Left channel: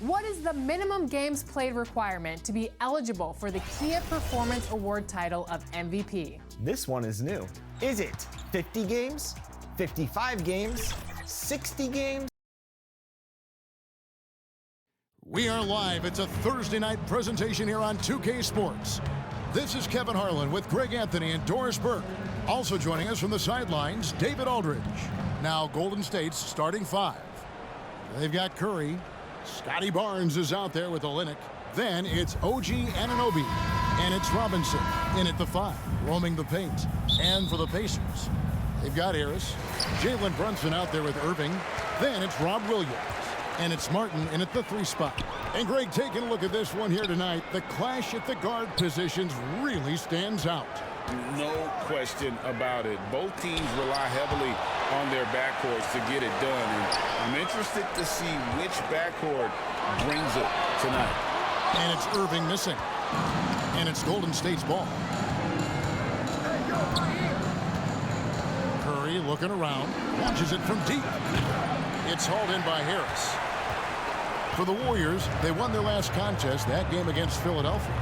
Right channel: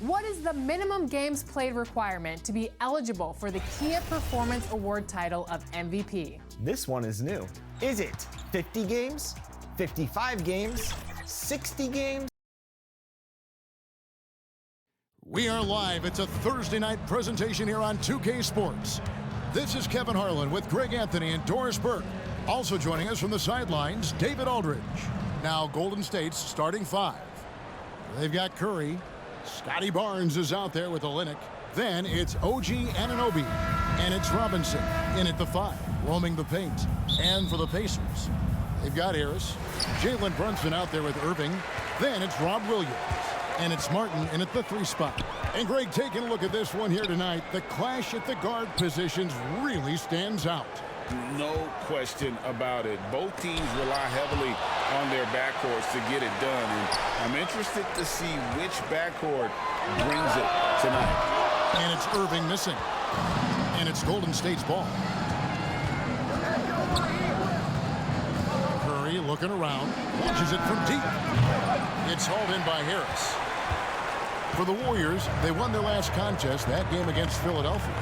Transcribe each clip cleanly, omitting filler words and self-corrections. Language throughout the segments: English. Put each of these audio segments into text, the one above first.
What is the minimum games played requirement to be eligible for the Kia Performance Award title of MVP? This one is new. Is it 50 games, 55 games, 60 games? We are live. It's a Thursday night presentation here on 2K Sports. This is Kevin Harlan with Greg Anthony and Doris Burke. Also joining us from the sidelines, David Aldridge. Now Golden State's starting five. They've got Curry. Scotty Barnes is out there with Olynyk. Then it's OG Anunoby. And it's Robinson in at the five, roaming the paint. And for the Pacers, they've got Harris. Jalen Brunson out there with Irving. Then it's Rob Williams. And it's Martin in at the three spot. And Greg, taking a look at this one here tonight, the clash at the guard positions really stands out. No question about it. Both teams rely heavily on their backcourts to get it done, and I'm interested to see which backcourt brings it tonight. And it's Irving missing. And it's Golden State's ball. Curry looking around, launches it from deep. It's hauled in by Harris. For the Warriors, they won their last contest, that game against Philadelphia.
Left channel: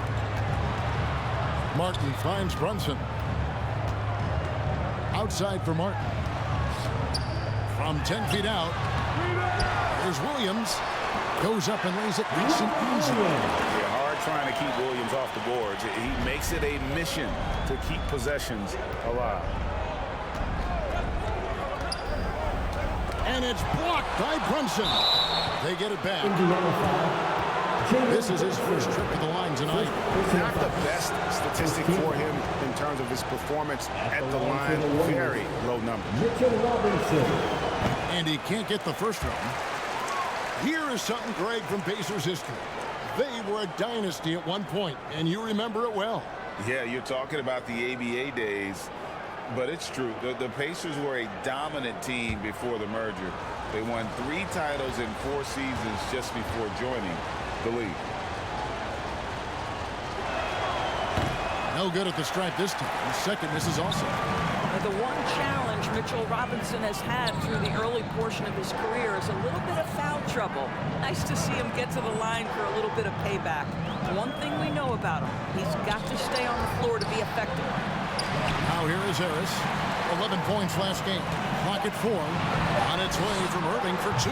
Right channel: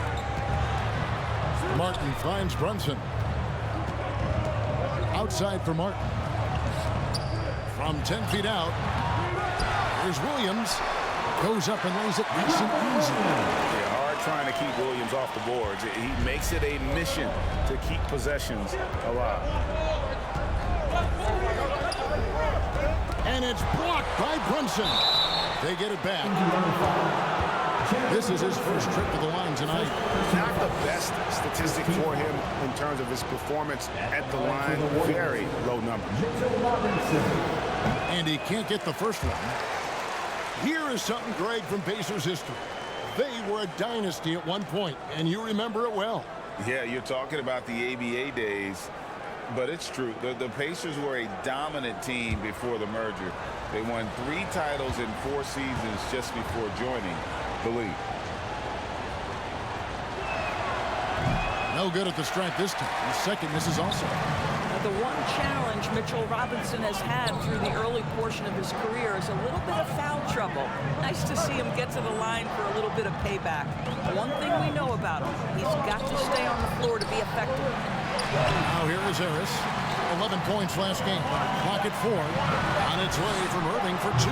Martin finds Brunson. Outside for Martin. From 10 feet out, here's Williams. Goes up and lays it nice and easy. Yeah, hard trying to keep Williams off the boards. He makes it a mission to keep possessions alive. And it's blocked by Brunson. They get it back. This is his first trip to the line tonight. Not the best statistic for him in terms of his performance at the line. Very low number. And he can't get the first one. Here is something, Greg, from Pacers history. They were a dynasty at one point, and you remember it well. Yeah, you're talking about the ABA days, but it's true. The Pacers were a dominant team before the merger. They won 3 titles in 4 seasons just before joining the league. No good at the stripe this time. Second misses also. The one challenge Mitchell Robinson has had through the early portion of his career is a little bit of foul trouble. Nice to see him get to the line for a little bit of payback. One thing we know about him, he's got to stay on the floor to be effective. Now here is Harris. 11 points last game. Clock at 4. On its way from Irving for 2.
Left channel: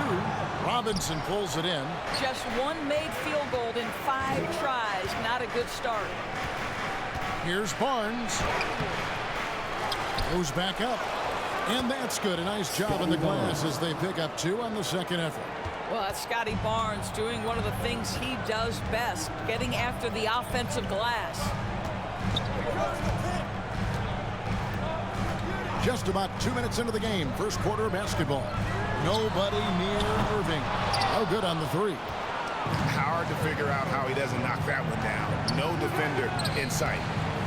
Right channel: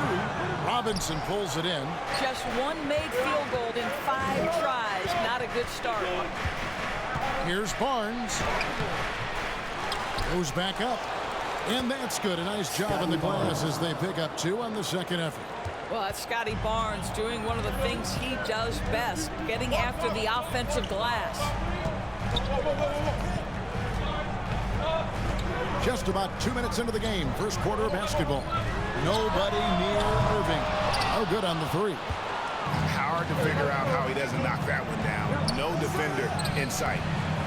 Robinson pulls it in. Just one made field goal in 5 tries. Not a good start. Here's Barnes. Goes back up. And that's good. A nice job on the glass as they pick up 2 on the second effort. Well, that's Scotty Barnes doing one of the things he does best, getting after the offensive glass. Just about 2 minutes into the game, first quarter of basketball. Nobody near Irving. No good on the 3. Hard to figure out how he doesn't knock that one down. No defender in sight.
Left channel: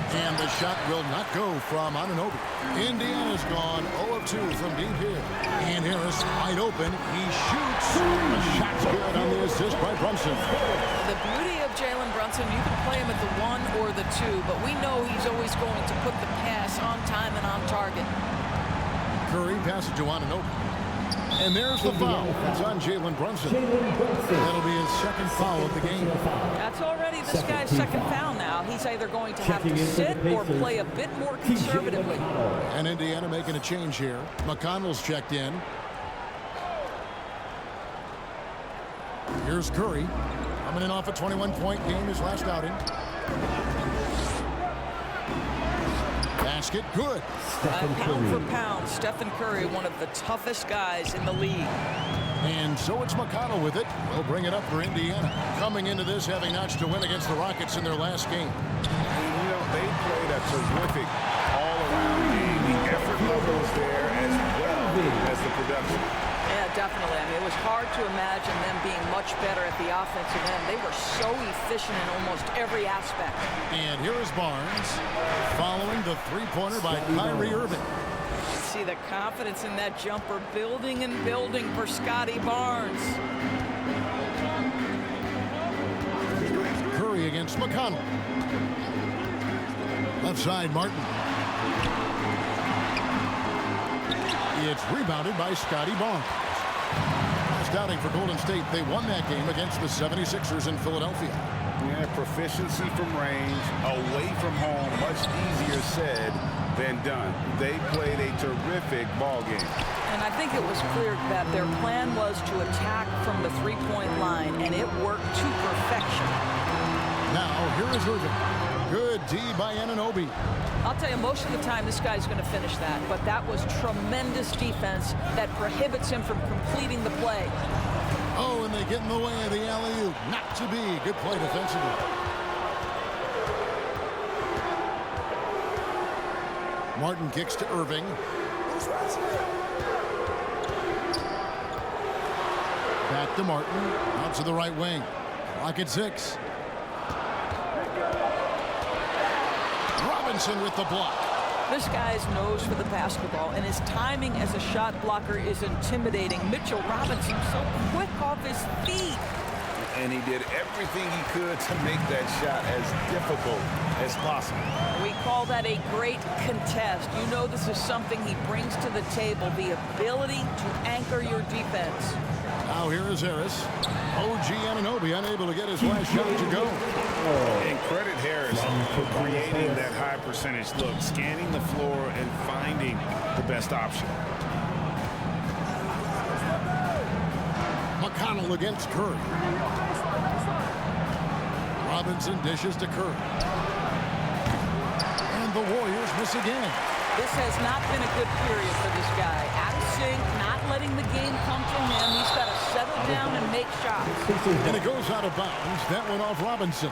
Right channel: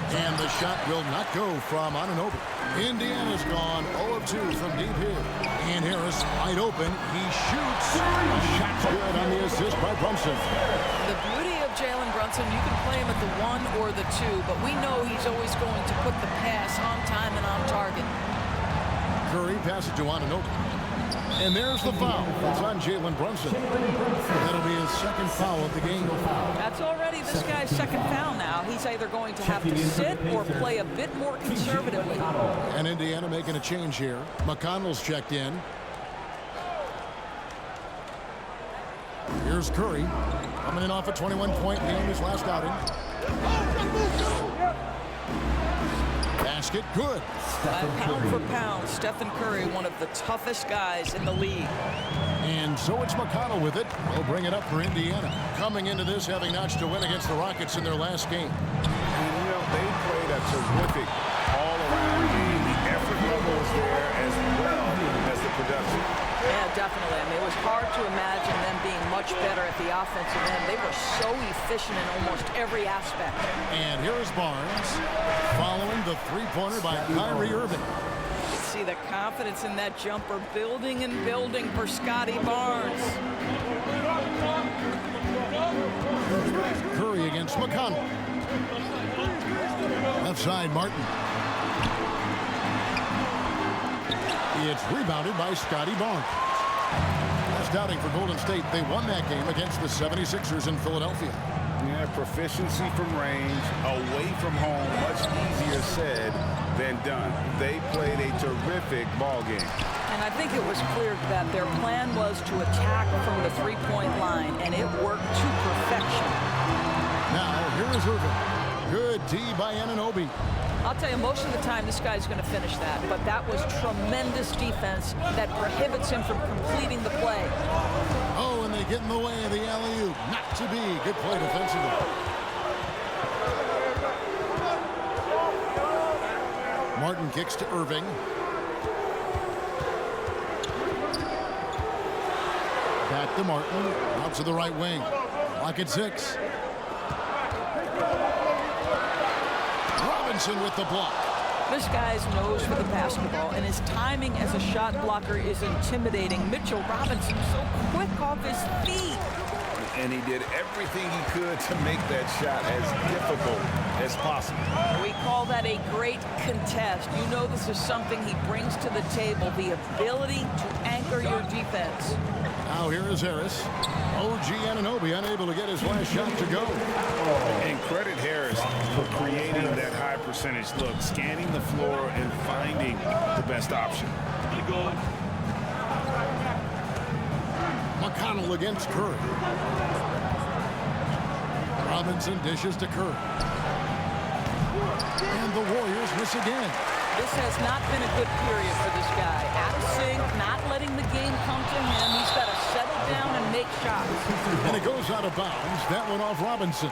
And the shot will not go from Anunoby. Indiana's gone 0 of 2 from deep here. And Harris wide open. He shoots. The shot's good on the assist by Brunson. The beauty of Jalen Brunson, you can play him at the 1 or the 2, but we know he's always going to put the pass on time and on target. Curry passes to Anunoby. And there's the foul. It's on Jalen Brunson. That'll be his second foul of the game. That's already this guy's second foul now. He's either going to have to sit or play a bit more conservatively. And Indiana making a change here. McConnell's checked in. Here's Curry. Coming in off a 21-point game, his last outing. Basket good. Pound for pound, Stephen Curry, one of the toughest guys in the league. And so it's McConnell with it. They'll bring it up for Indiana. Coming into this, having notched a win against the Rockets in their last game. And, you know, they played a terrific all-around game. The effort level was there as well as the production. Yeah, definitely. I mean, it was hard to imagine them being much better at the offensive end. They were so efficient in almost every aspect. And here is Barnes following the three-pointer by Kyrie Irving. You see the confidence in that jumper building and building for Scotty Barnes. Curry against McConnell. Left side, Martin. It's rebounded by Scotty Barnes. Last outing for Golden State, they won that game against the 76ers in Philadelphia. Yeah, proficiency from range, away from home, much easier said than done. They played a terrific ball game. And I think it was clear that their plan was to attack from the three-point line, and it worked to perfection. Now, here is Irving. Good D by Anunoby. I'll tell you, most of the time, this guy's going to finish that. But that was tremendous defense that prohibits him from completing the play. Oh, and they get in the way of the alley-oop. Not to be. Good play defensively. Martin kicks to Irving. Back to Martin. Out to the right wing. Clock at 6. Robinson with the block. This guy's nose for the basketball, and his timing as a shot blocker is intimidating. Mitchell Robinson so quick off his feet. And he did everything he could to make that shot as difficult as possible. We call that a great contest. You know this is something he brings to the table, the ability to anchor your defense. Now here is Harris. OG Anunoby unable to get his last shot to go. And credit Harris for creating that high percentage look, scanning the floor and finding the best option. McConnell against Curry. Robinson dishes to Curry. And the Warriors miss again. This has not been a good period for this guy. Out of sync, not letting the game come to him. He's got to settle down and make shots. And it goes out of bounds. That went off Robinson.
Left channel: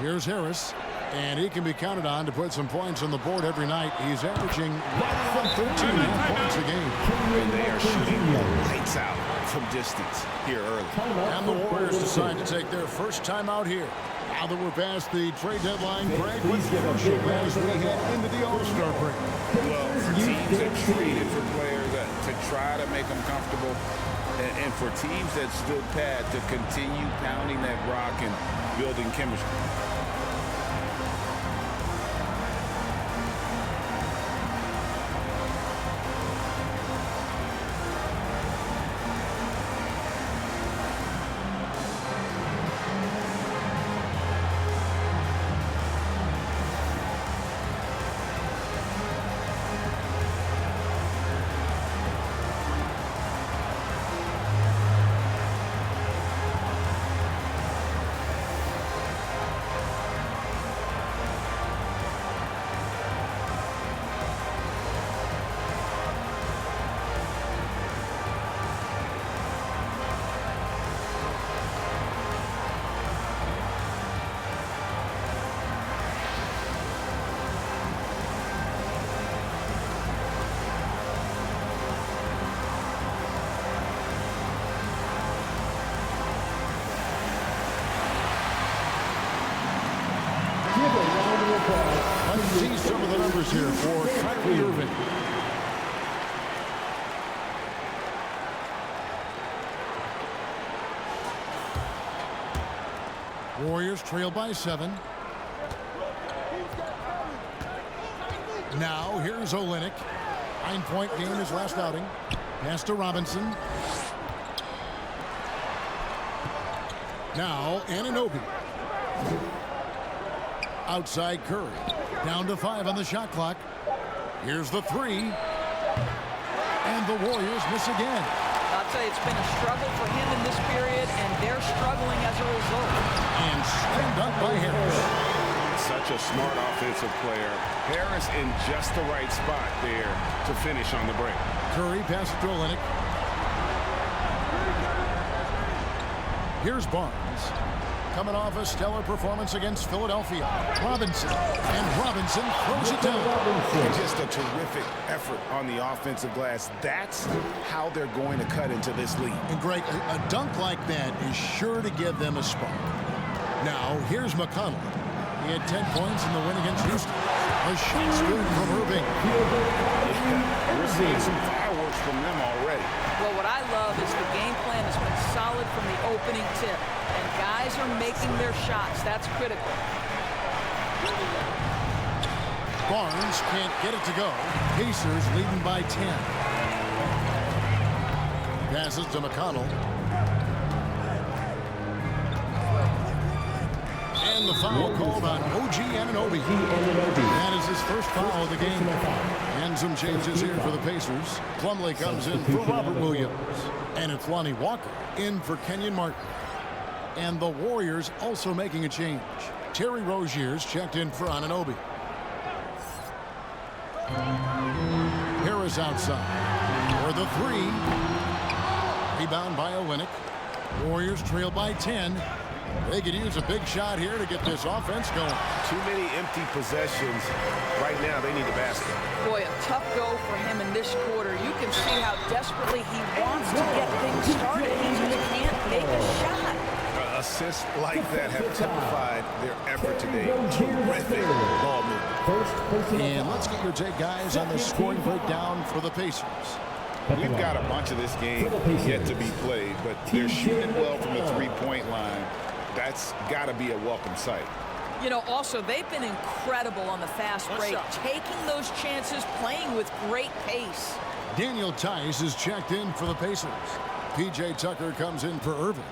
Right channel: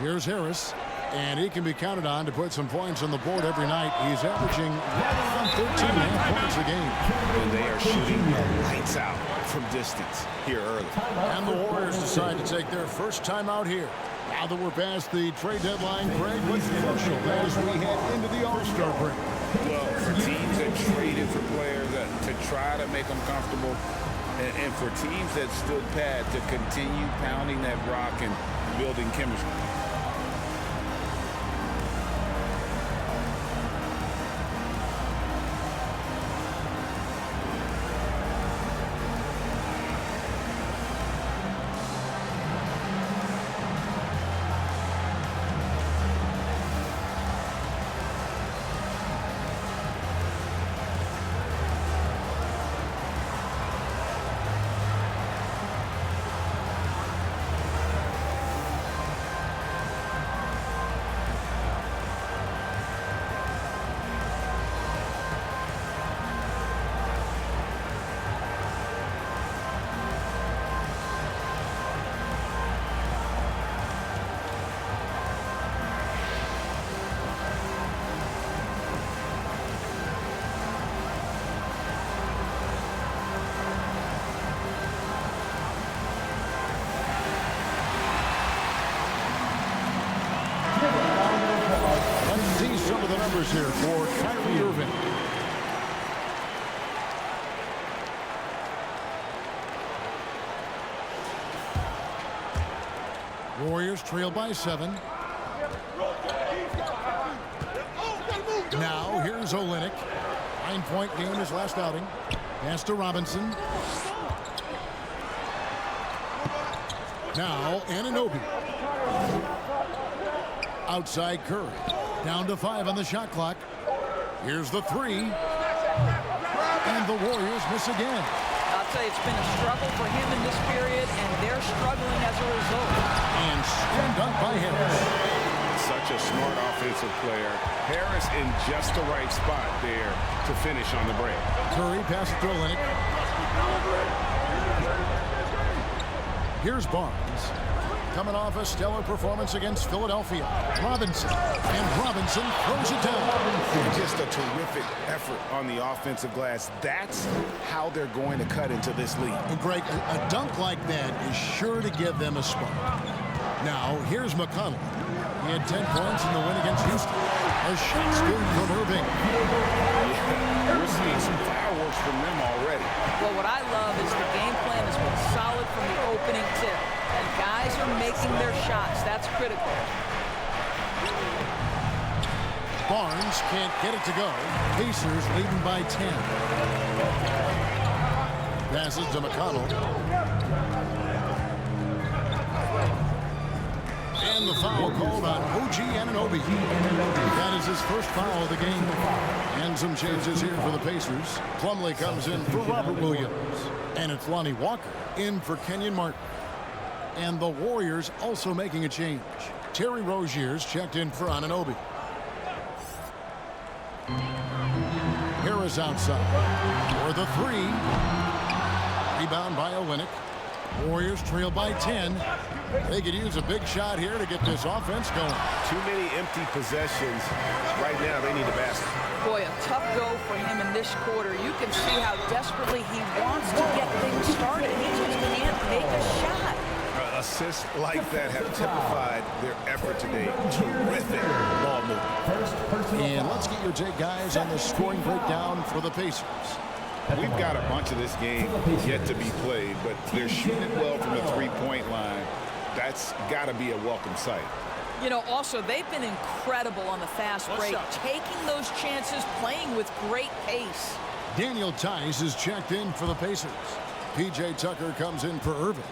Here's Harris, and he can be counted on to put some points on the board every night. He's averaging right around 13.5 points a game. And they are shooting the lights out from distance here early. And the Warriors decide to take their first time out here. Now that we're past the trade deadline, Greg, what's crucial as we head into the All-Star break? Well, for teams that traded for players to try to make them comfortable, and for teams that stood pat to continue pounding that rock and building chemistry. Let's see some of the numbers here for Kyrie Irving. Warriors trail by 7. Now here's Olynyk. 9-point game his last outing. Pass to Robinson. Now Anunoby. Outside Curry. Down to 5 on the shot clock. Here's the 3. And the Warriors miss again. I'll tell you, it's been a struggle for him in this period, and they're struggling as a result. And slam dunk by Harris. Such a smart offensive player. Harris in just the right spot there to finish on the break. Curry passes to Olynyk. Here's Barnes. Coming off a stellar performance against Philadelphia. Robinson. And Robinson throws it down. And just a terrific effort on the offensive glass. That's how they're going to cut into this lead. And Greg, a dunk like that is sure to give them a spark. Now, here's McConnell. He had 10 points in the win against Houston. A shot's good from Irving. Yeah, we're seeing some fireworks from them already. Well, what I love is the game plan has been solid from the opening tip. And guys are making their shots. That's critical. Barnes can't get it to go. Pacers leading by 10. Passes to McConnell. And the foul called on OG Anunoby. That is his first foul of the game. And some changes here for the Pacers. Plumlee comes in for Robert Williams. And it's Lonnie Walker in for Kenyon Martin. And the Warriors also making a change. Terry Rozier's checked in for Anunoby. Harris outside for the three. Rebound by Olynyk. Warriors trail by 10. They could use a big shot here to get this offense going. Too many empty possessions. Right now, they need a basket. Boy, a tough go for him in this quarter. You can see how desperately he wants to get things started. He just can't make a shot. Assists like that have typified their effort today. Terrific ball movement. And let's get your take, guys, on the scoring breakdown for the Pacers. We've got a bunch of this game yet to be played, but they're shooting well from the three-point line. That's got to be a welcome sight. You know, also, they've been incredible on the fast break, taking those chances, playing with great pace. Daniel Tice is checked in for the Pacers. P.J. Tucker comes in for Irving.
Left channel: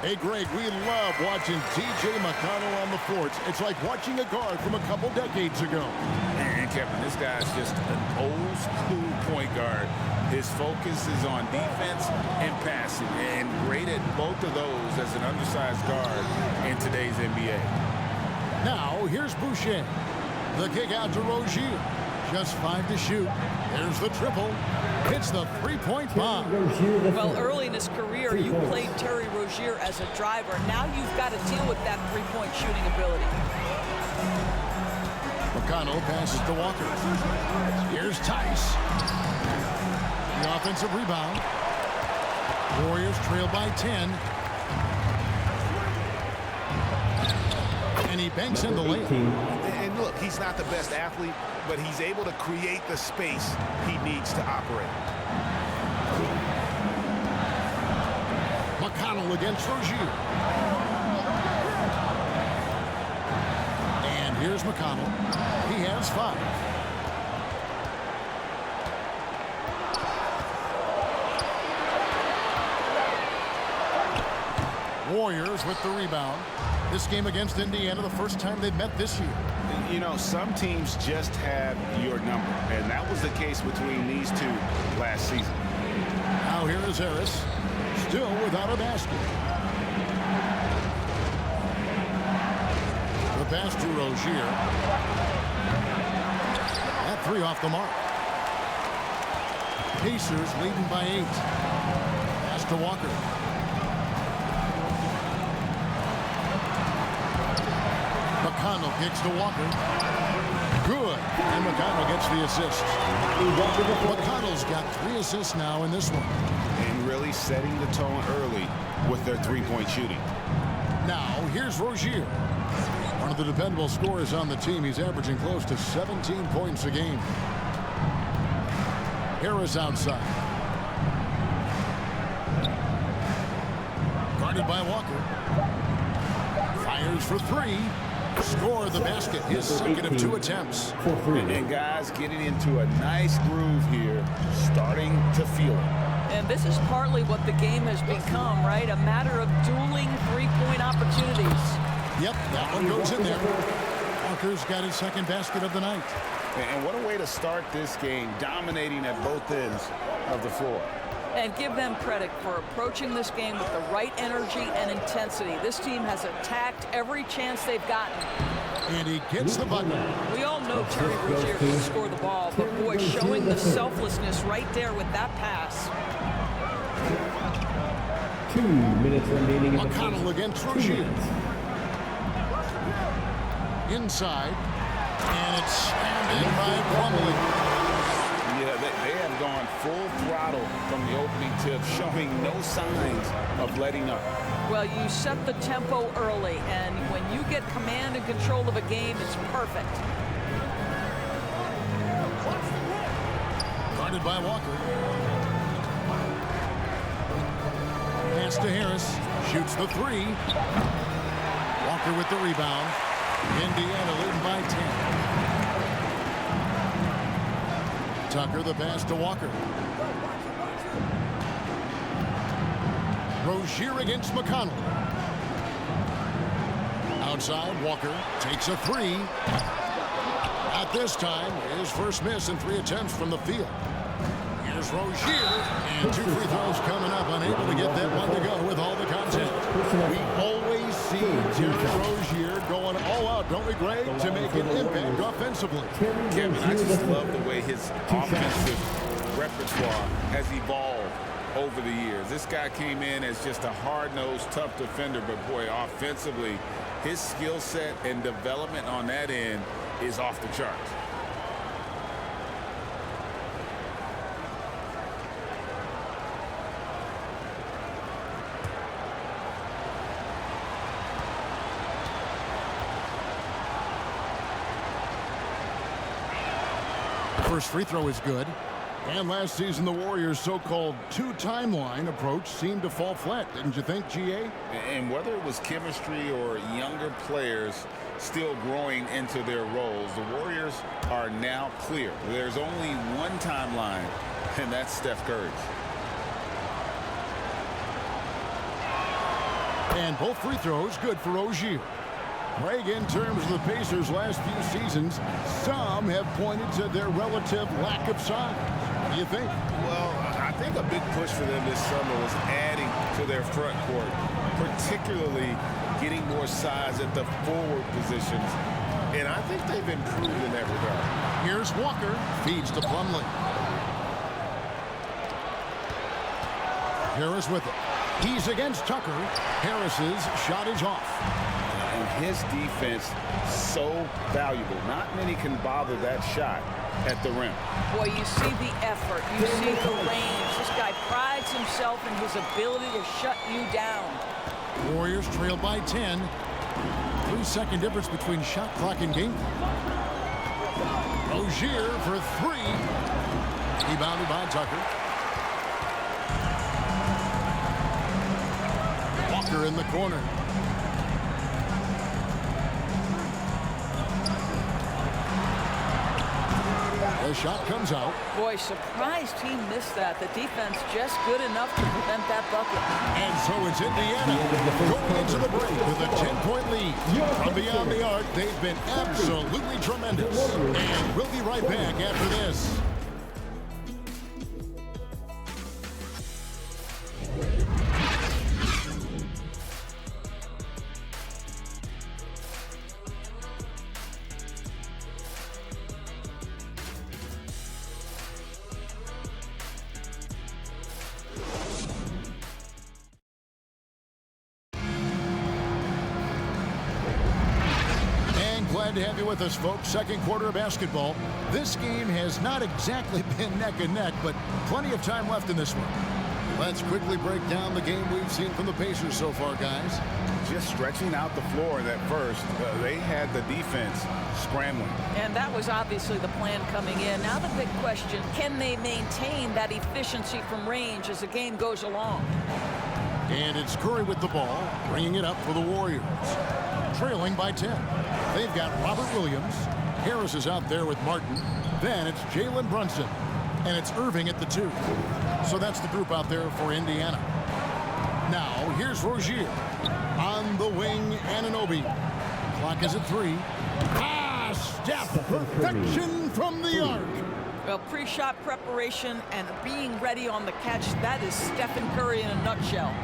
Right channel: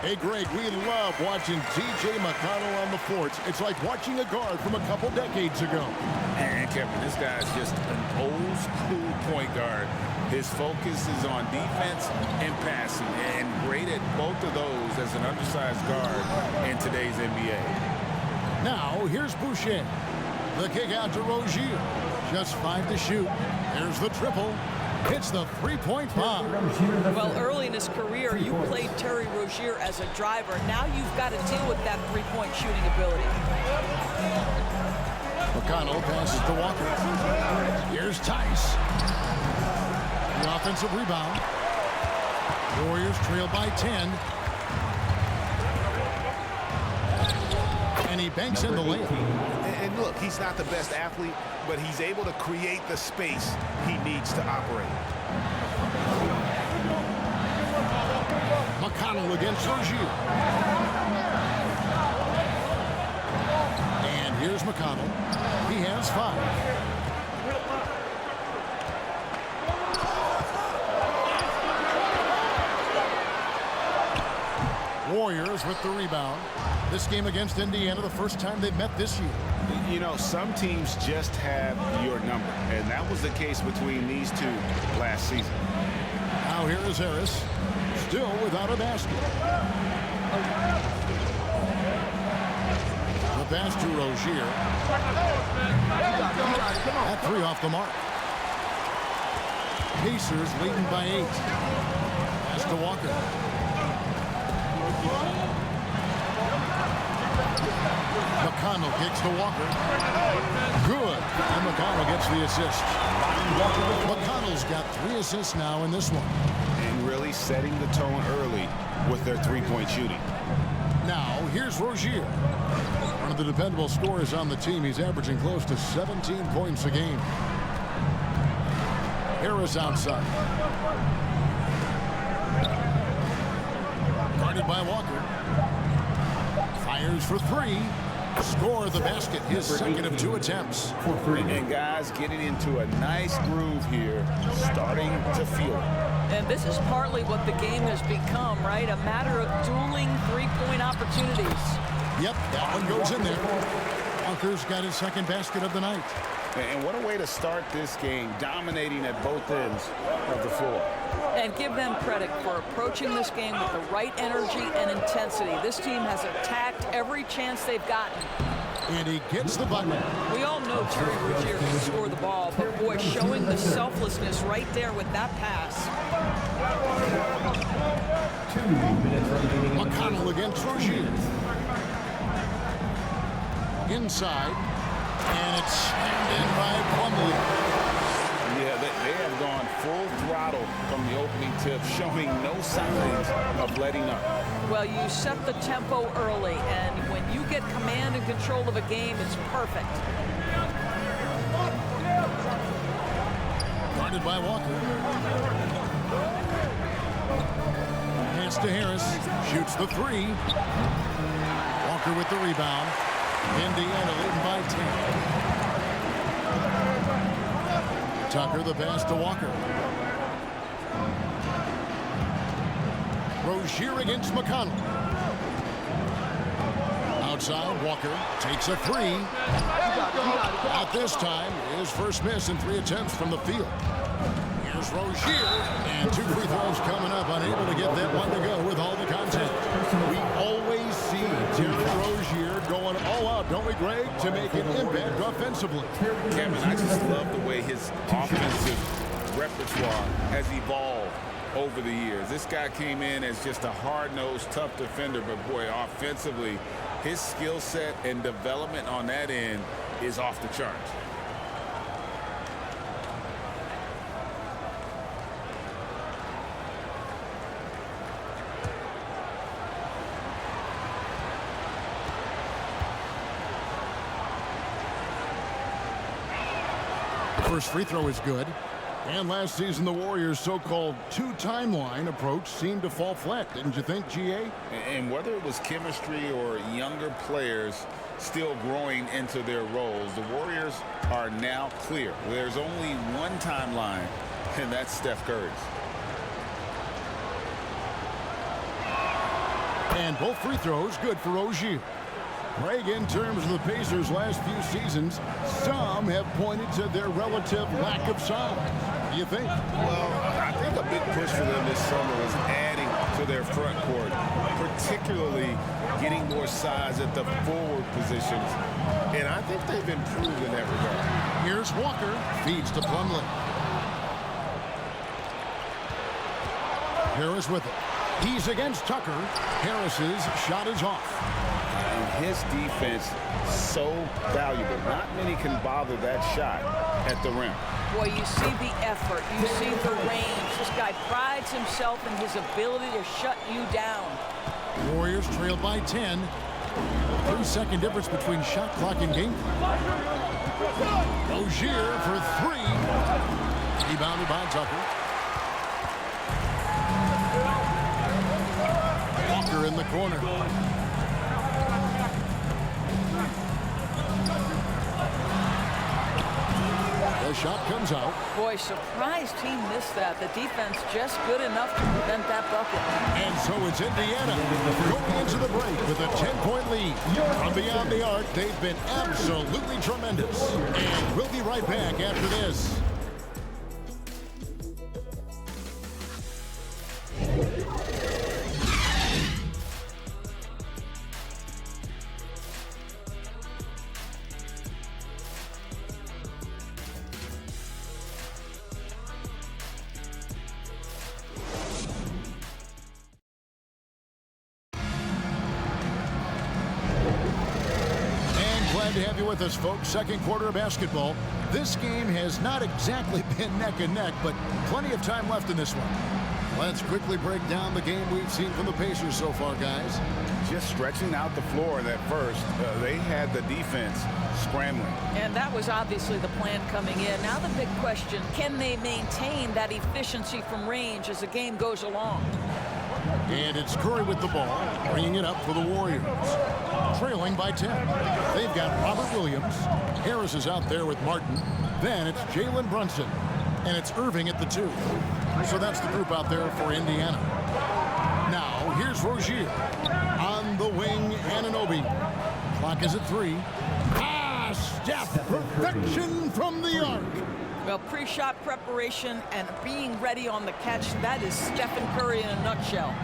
Hey, Greg, we love watching T.J. McConnell on the forts. It's like watching a guard from a couple decades ago. And Kevin, this guy's just an old school point guard. His focus is on defense and passing, and great at both of those as an undersized guard in today's NBA. Now, here's Boucher. The kick out to Rozier. Just 5 to shoot. There's the triple. Hits the three-point bomb. Well, early in his career, you played Terry Rozier as a driver. Now you've got to deal with that three-point shooting ability. McConnell passes to Walker. Here's Tice. The offensive rebound. Warriors trail by 10. And he banks in the layup. And look, he's not the best athlete, but he's able to create the space he needs to operate. McConnell against Rozier. And here's McConnell. He has 5. Warriors with the rebound. This game against Indiana, the first time they've met this year. You know, some teams just have your number, and that was the case between these two last season. Now here is Harris, still without a basket. The pass to Rozier. That 3 off the mark. Pacers leading by 8. Pass to Walker. McConnell kicks to Walker. Good. And McConnell gets the assist. McConnell's got 3 assists now in this one. And really setting the tone early with their three-point shooting. Now, here's Rozier. One of the dependable scorers on the team. He's averaging close to 17 points a game. Harris outside. Guarded by Walker. Fires for 3. Score the basket, his second of 2 attempts. And guys getting into a nice groove here, starting to feel it. And this is partly what the game has become, right? A matter of dueling three-point opportunities. Yep, that one goes in there. Walker's got his second basket of the night. And what a way to start this game, dominating at both ends of the floor. And give them credit for approaching this game with the right energy and intensity. This team has attacked every chance they've gotten. And he gets the bucket. We all know Terry Rozier can score the ball, but boy, showing the selflessness right there with that pass. 2 minutes remaining. McConnell against Rozier. Inside. And it's slammed in by Plumlee. Yeah, they have gone full throttle from the opening tip, showing no signs of letting up. Well, you set the tempo early, and when you get command and control of a game, it's perfect. Guarded by Walker. Pass to Harris. Shoots the three. Walker with the rebound. Indiana leading by 10. Tucker the pass to Walker. Rozier against McConnell. Outside, Walker takes a three. Not this time. His first miss in 3 attempts from the field. Here's Rozier, and 2 free throws coming up, unable to get that one to go with all the content. We always see Terry Rozier going all out, don't we, Greg, to make an impact offensively. Kevin, I just love the way his offensive repertoire has evolved over the years. This guy came in as just a hard-nosed, tough defender, but boy, offensively, his skill set and development on that end is off the charts. First free throw is good. And last season, the Warriors' so-called 2-timeline approach seemed to fall flat, didn't you think, GA? And whether it was chemistry or younger players still growing into their roles, the Warriors are now clear. There's only one timeline, and that's Steph Curry's. And both free throws good for Rozier. Greg, in terms of the Pacers' last few seasons, some have pointed to their relative lack of size. What do you think? Well, I think a big push for them this summer was adding to their front court, particularly getting more size at the forward positions. And I think they've improved in that regard. Here's Walker. Feeds to Plumlee. Harris with it. He's against Tucker. Harris's shot is off. And his defense so valuable. Not many can bother that shot at the rim. Boy, you see the effort. You see the range. This guy prides himself in his ability to shut you down. Warriors trail by 10. 3-second difference between shot clock and game clock. Rozier for 3. Rebounded by Tucker. Walker in the corner. The shot comes out. Boy, surprised he missed that. The defense just good enough to prevent that bucket. And so it's Indiana going into the break with a 10-point lead. From beyond the arc, they've been absolutely tremendous. And we'll be right back after this. Glad to have you with us, folks. Second quarter of basketball. This game has not exactly been neck and neck, but plenty of time left in this one. Let's quickly break down the game we've seen from the Pacers so far, guys. Just stretching out the floor in that first. They had the defense scrambling. And that was obviously the plan coming in. Now the big question, can they maintain that efficiency from range as the game goes along? And it's Curry with the ball, bringing it up for the Warriors. Trailing by 10. They've got Robert Williams. Harris is out there with Martin. Then it's Jalen Brunson. And it's Irving at the 2. So that's the group out there for Indiana. Now, here's Rozier. On the wing, Anunoby. Clock is at 3. Steph, perfection from the arc. Well, pre-shot preparation and being ready on the catch, that is Stephen Curry in a nutshell.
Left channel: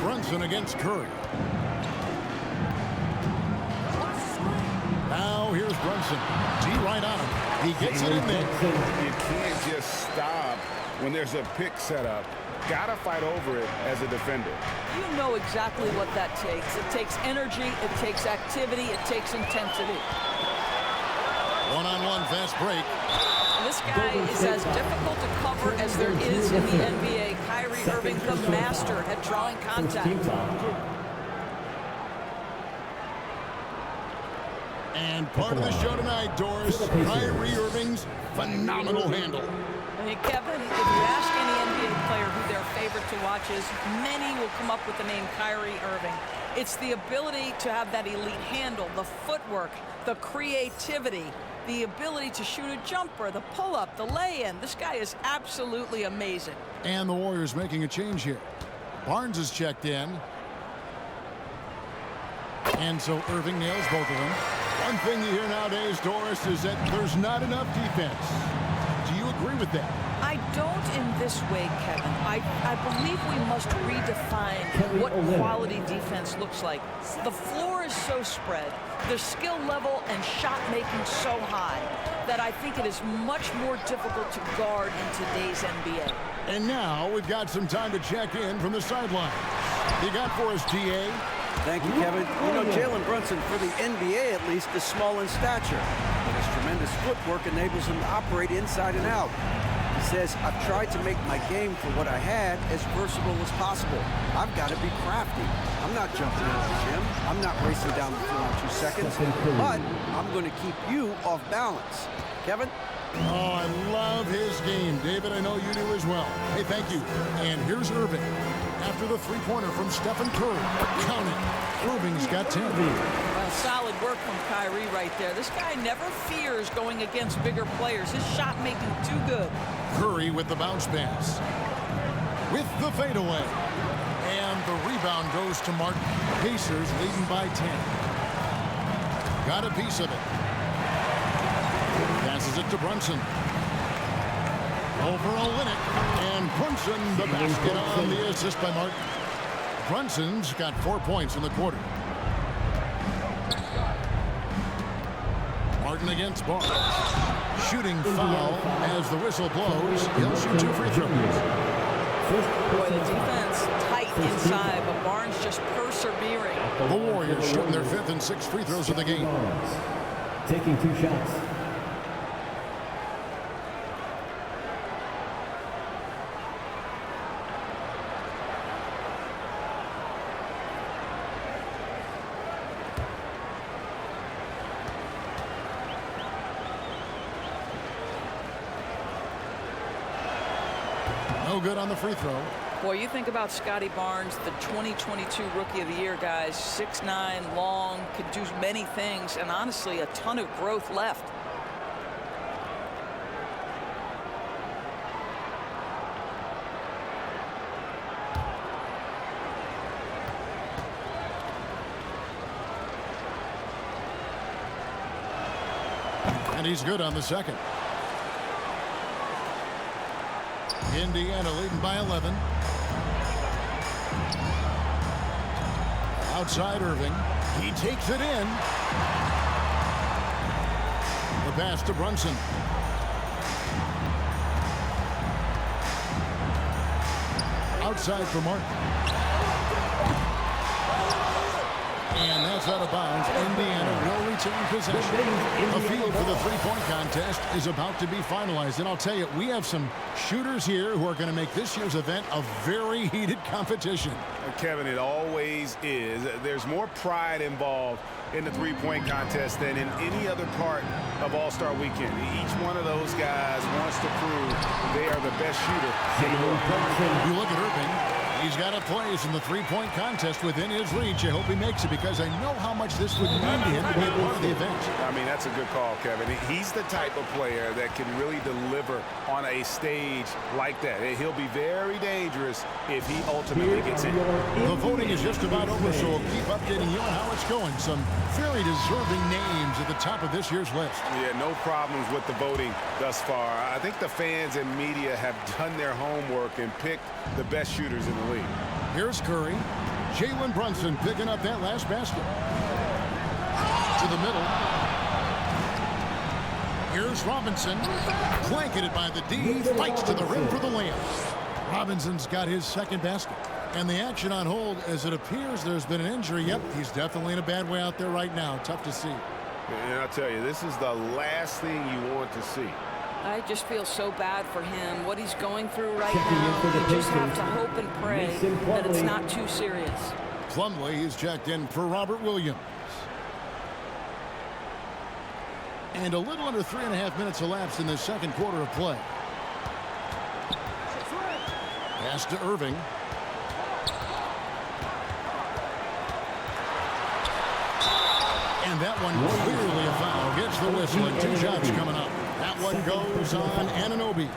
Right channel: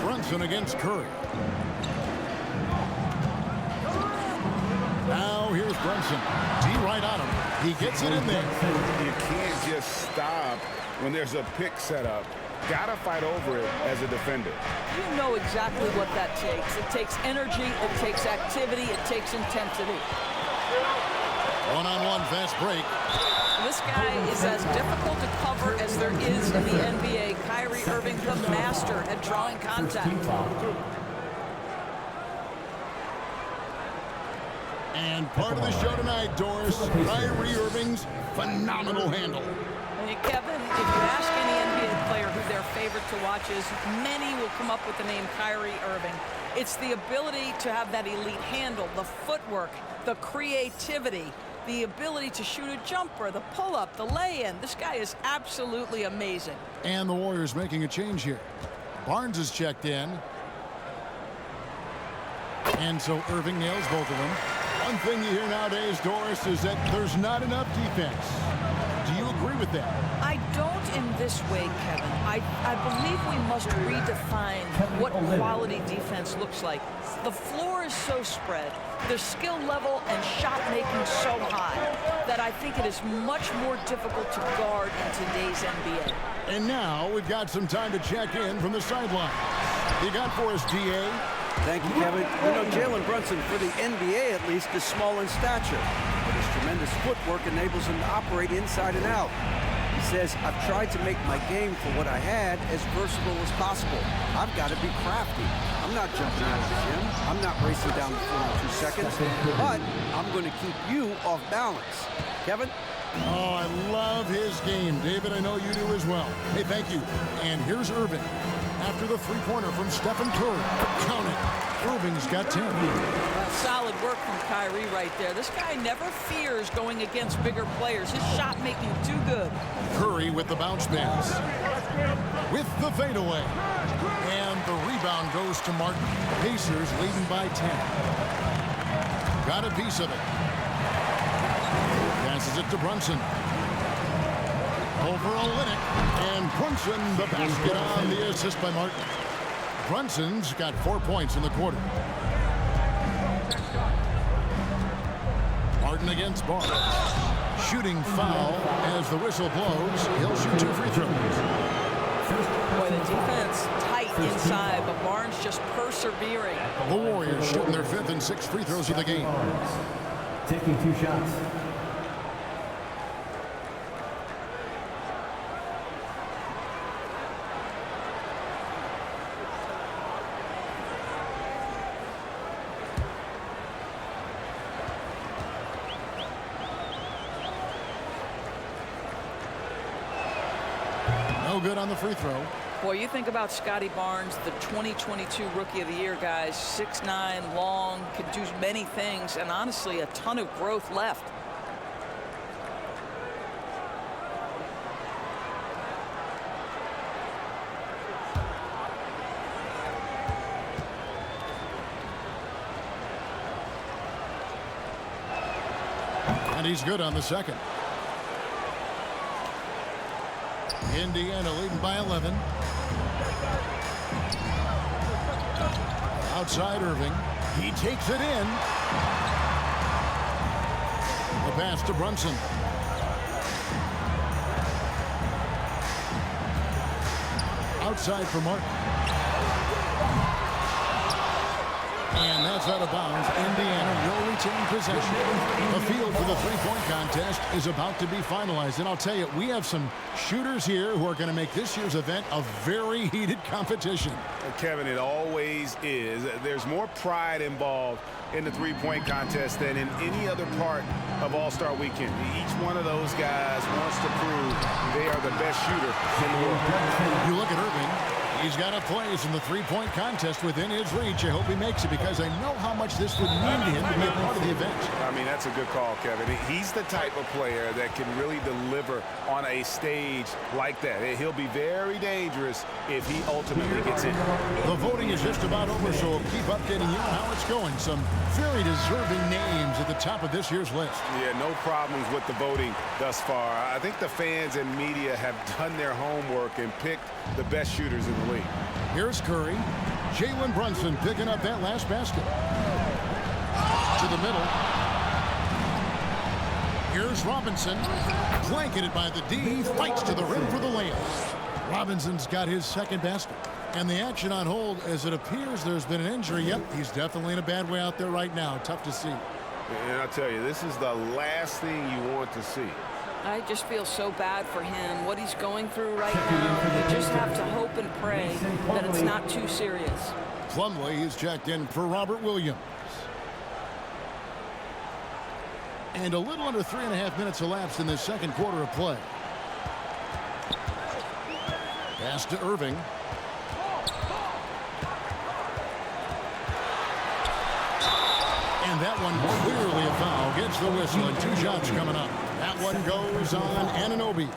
Brunson against Curry. Now here's Brunson. D right on him. He gets it in there. You can't just stop when there's a pick set up. Gotta fight over it as a defender. You know exactly what that takes. It takes energy, it takes activity, it takes intensity. One-on-one fast break. This guy is as difficult to cover as there is in the NBA. Kyrie Kyrie Irving, the master at drawing contact. Team foul. And part of the show tonight, Doris, Kyrie Irving's phenomenal handle. I mean, Kevin, if you ask any NBA player who their favorite to watch is, many will come up with the name Kyrie Irving. It's the ability to have that elite handle, the footwork, the creativity, the ability to shoot a jumper, the pull-up, the lay-in. This guy is absolutely amazing. And the Warriors making a change here. Barnes is checked in. And so Irving nails both of them. One thing you hear nowadays, Doris, is that there's not enough defense. Do you agree with that? I don't in this way, Kevin. I believe we must redefine what quality defense looks like. The floor is so spread, the skill level and shot making so high that I think it is much more difficult to guard in today's NBA. And now we've got some time to check in from the sidelines. You got for us, DA? Thank you, Kevin. You know, Jalen Brunson, for the NBA at least, is small in stature, but his tremendous footwork enables him to operate inside and out. He says, I've tried to make my game for what I had as versatile as possible. I've got to be crafty. I'm not jumping out of the gym. I'm not racing down the floor in 2 seconds, but I'm going to keep you off balance. Kevin? Oh, I love his game. David, I know you do as well. Hey, thank you. And here's Irving. After the three-pointer from Stephen Curry. Count it. Irving's got 10. Well, solid work from Kyrie right there. This guy never fears going against bigger players. His shot making too good. Curry with the bounce pass. With the fadeaway. And the rebound goes to Martin. Pacers leading by 10. Got a piece of it. Passes it to Brunson. Over Olynyk, and Brunson the basket on the assist by Martin. Brunson's got 4 points in the quarter. Martin against Barnes. Shooting foul as the whistle blows. He'll shoot 2 free throws. Boy, the defense tight inside, but Barnes just persevering. The Warriors shooting their 5th and 6th free throws of the game. Taking 2 shots. No good on the free throw. Boy, you think about Scotty Barnes, the 2022 Rookie of the Year, guys. 6'9", long, can do many things, and honestly, a ton of growth left. And he's good on the second. Indiana leading by 11. Outside Irving. He takes it in. The pass to Brunson. Outside for Martin. And that's out of bounds. Indiana will retain possession. The field for the three-point contest is about to be finalized. And I'll tell you, we have some shooters here who are going to make this year's event a very heated competition. Kevin, it always is. There's more pride involved in the three-point contest than in any other part of All-Star Weekend. Each one of those guys wants to prove they are the best shooter in the world. You look at Irving. He's got a place in the three-point contest within his reach. I hope he makes it because I know how much this would mean to him to be a part of the event. I mean, that's a good call, Kevin. He's the type of player that can really deliver on a stage like that. He'll be very dangerous if he ultimately gets in. The voting is just about over, so we'll keep updating you on how it's going. Some very deserving names at the top of this year's list. Yeah, no problems with the voting thus far. I think the fans and media have done their homework and picked the best shooters in the league. Here's Curry. Jalen Brunson picking up that last basket. To the middle. Here's Robinson. Blanketed by the D. Fights to the rim for the layup. Robinson's got his second basket. And the action on hold as it appears there's been an injury. Yep, he's definitely in a bad way out there right now. Tough to see. And I'll tell you, this is the last thing you want to see. I just feel so bad for him, what he's going through right Checking in for the now. You just have Pacers, to hope and pray Mason that it's Plumlee. not too serious. Plumlee is checked in for Robert Williams. And a little under 3.5 minutes elapsed in the second quarter of play. Pass to Irving. And that one clearly a foul. Gets the whistle and 2 shots coming up. That one goes on Anunoby.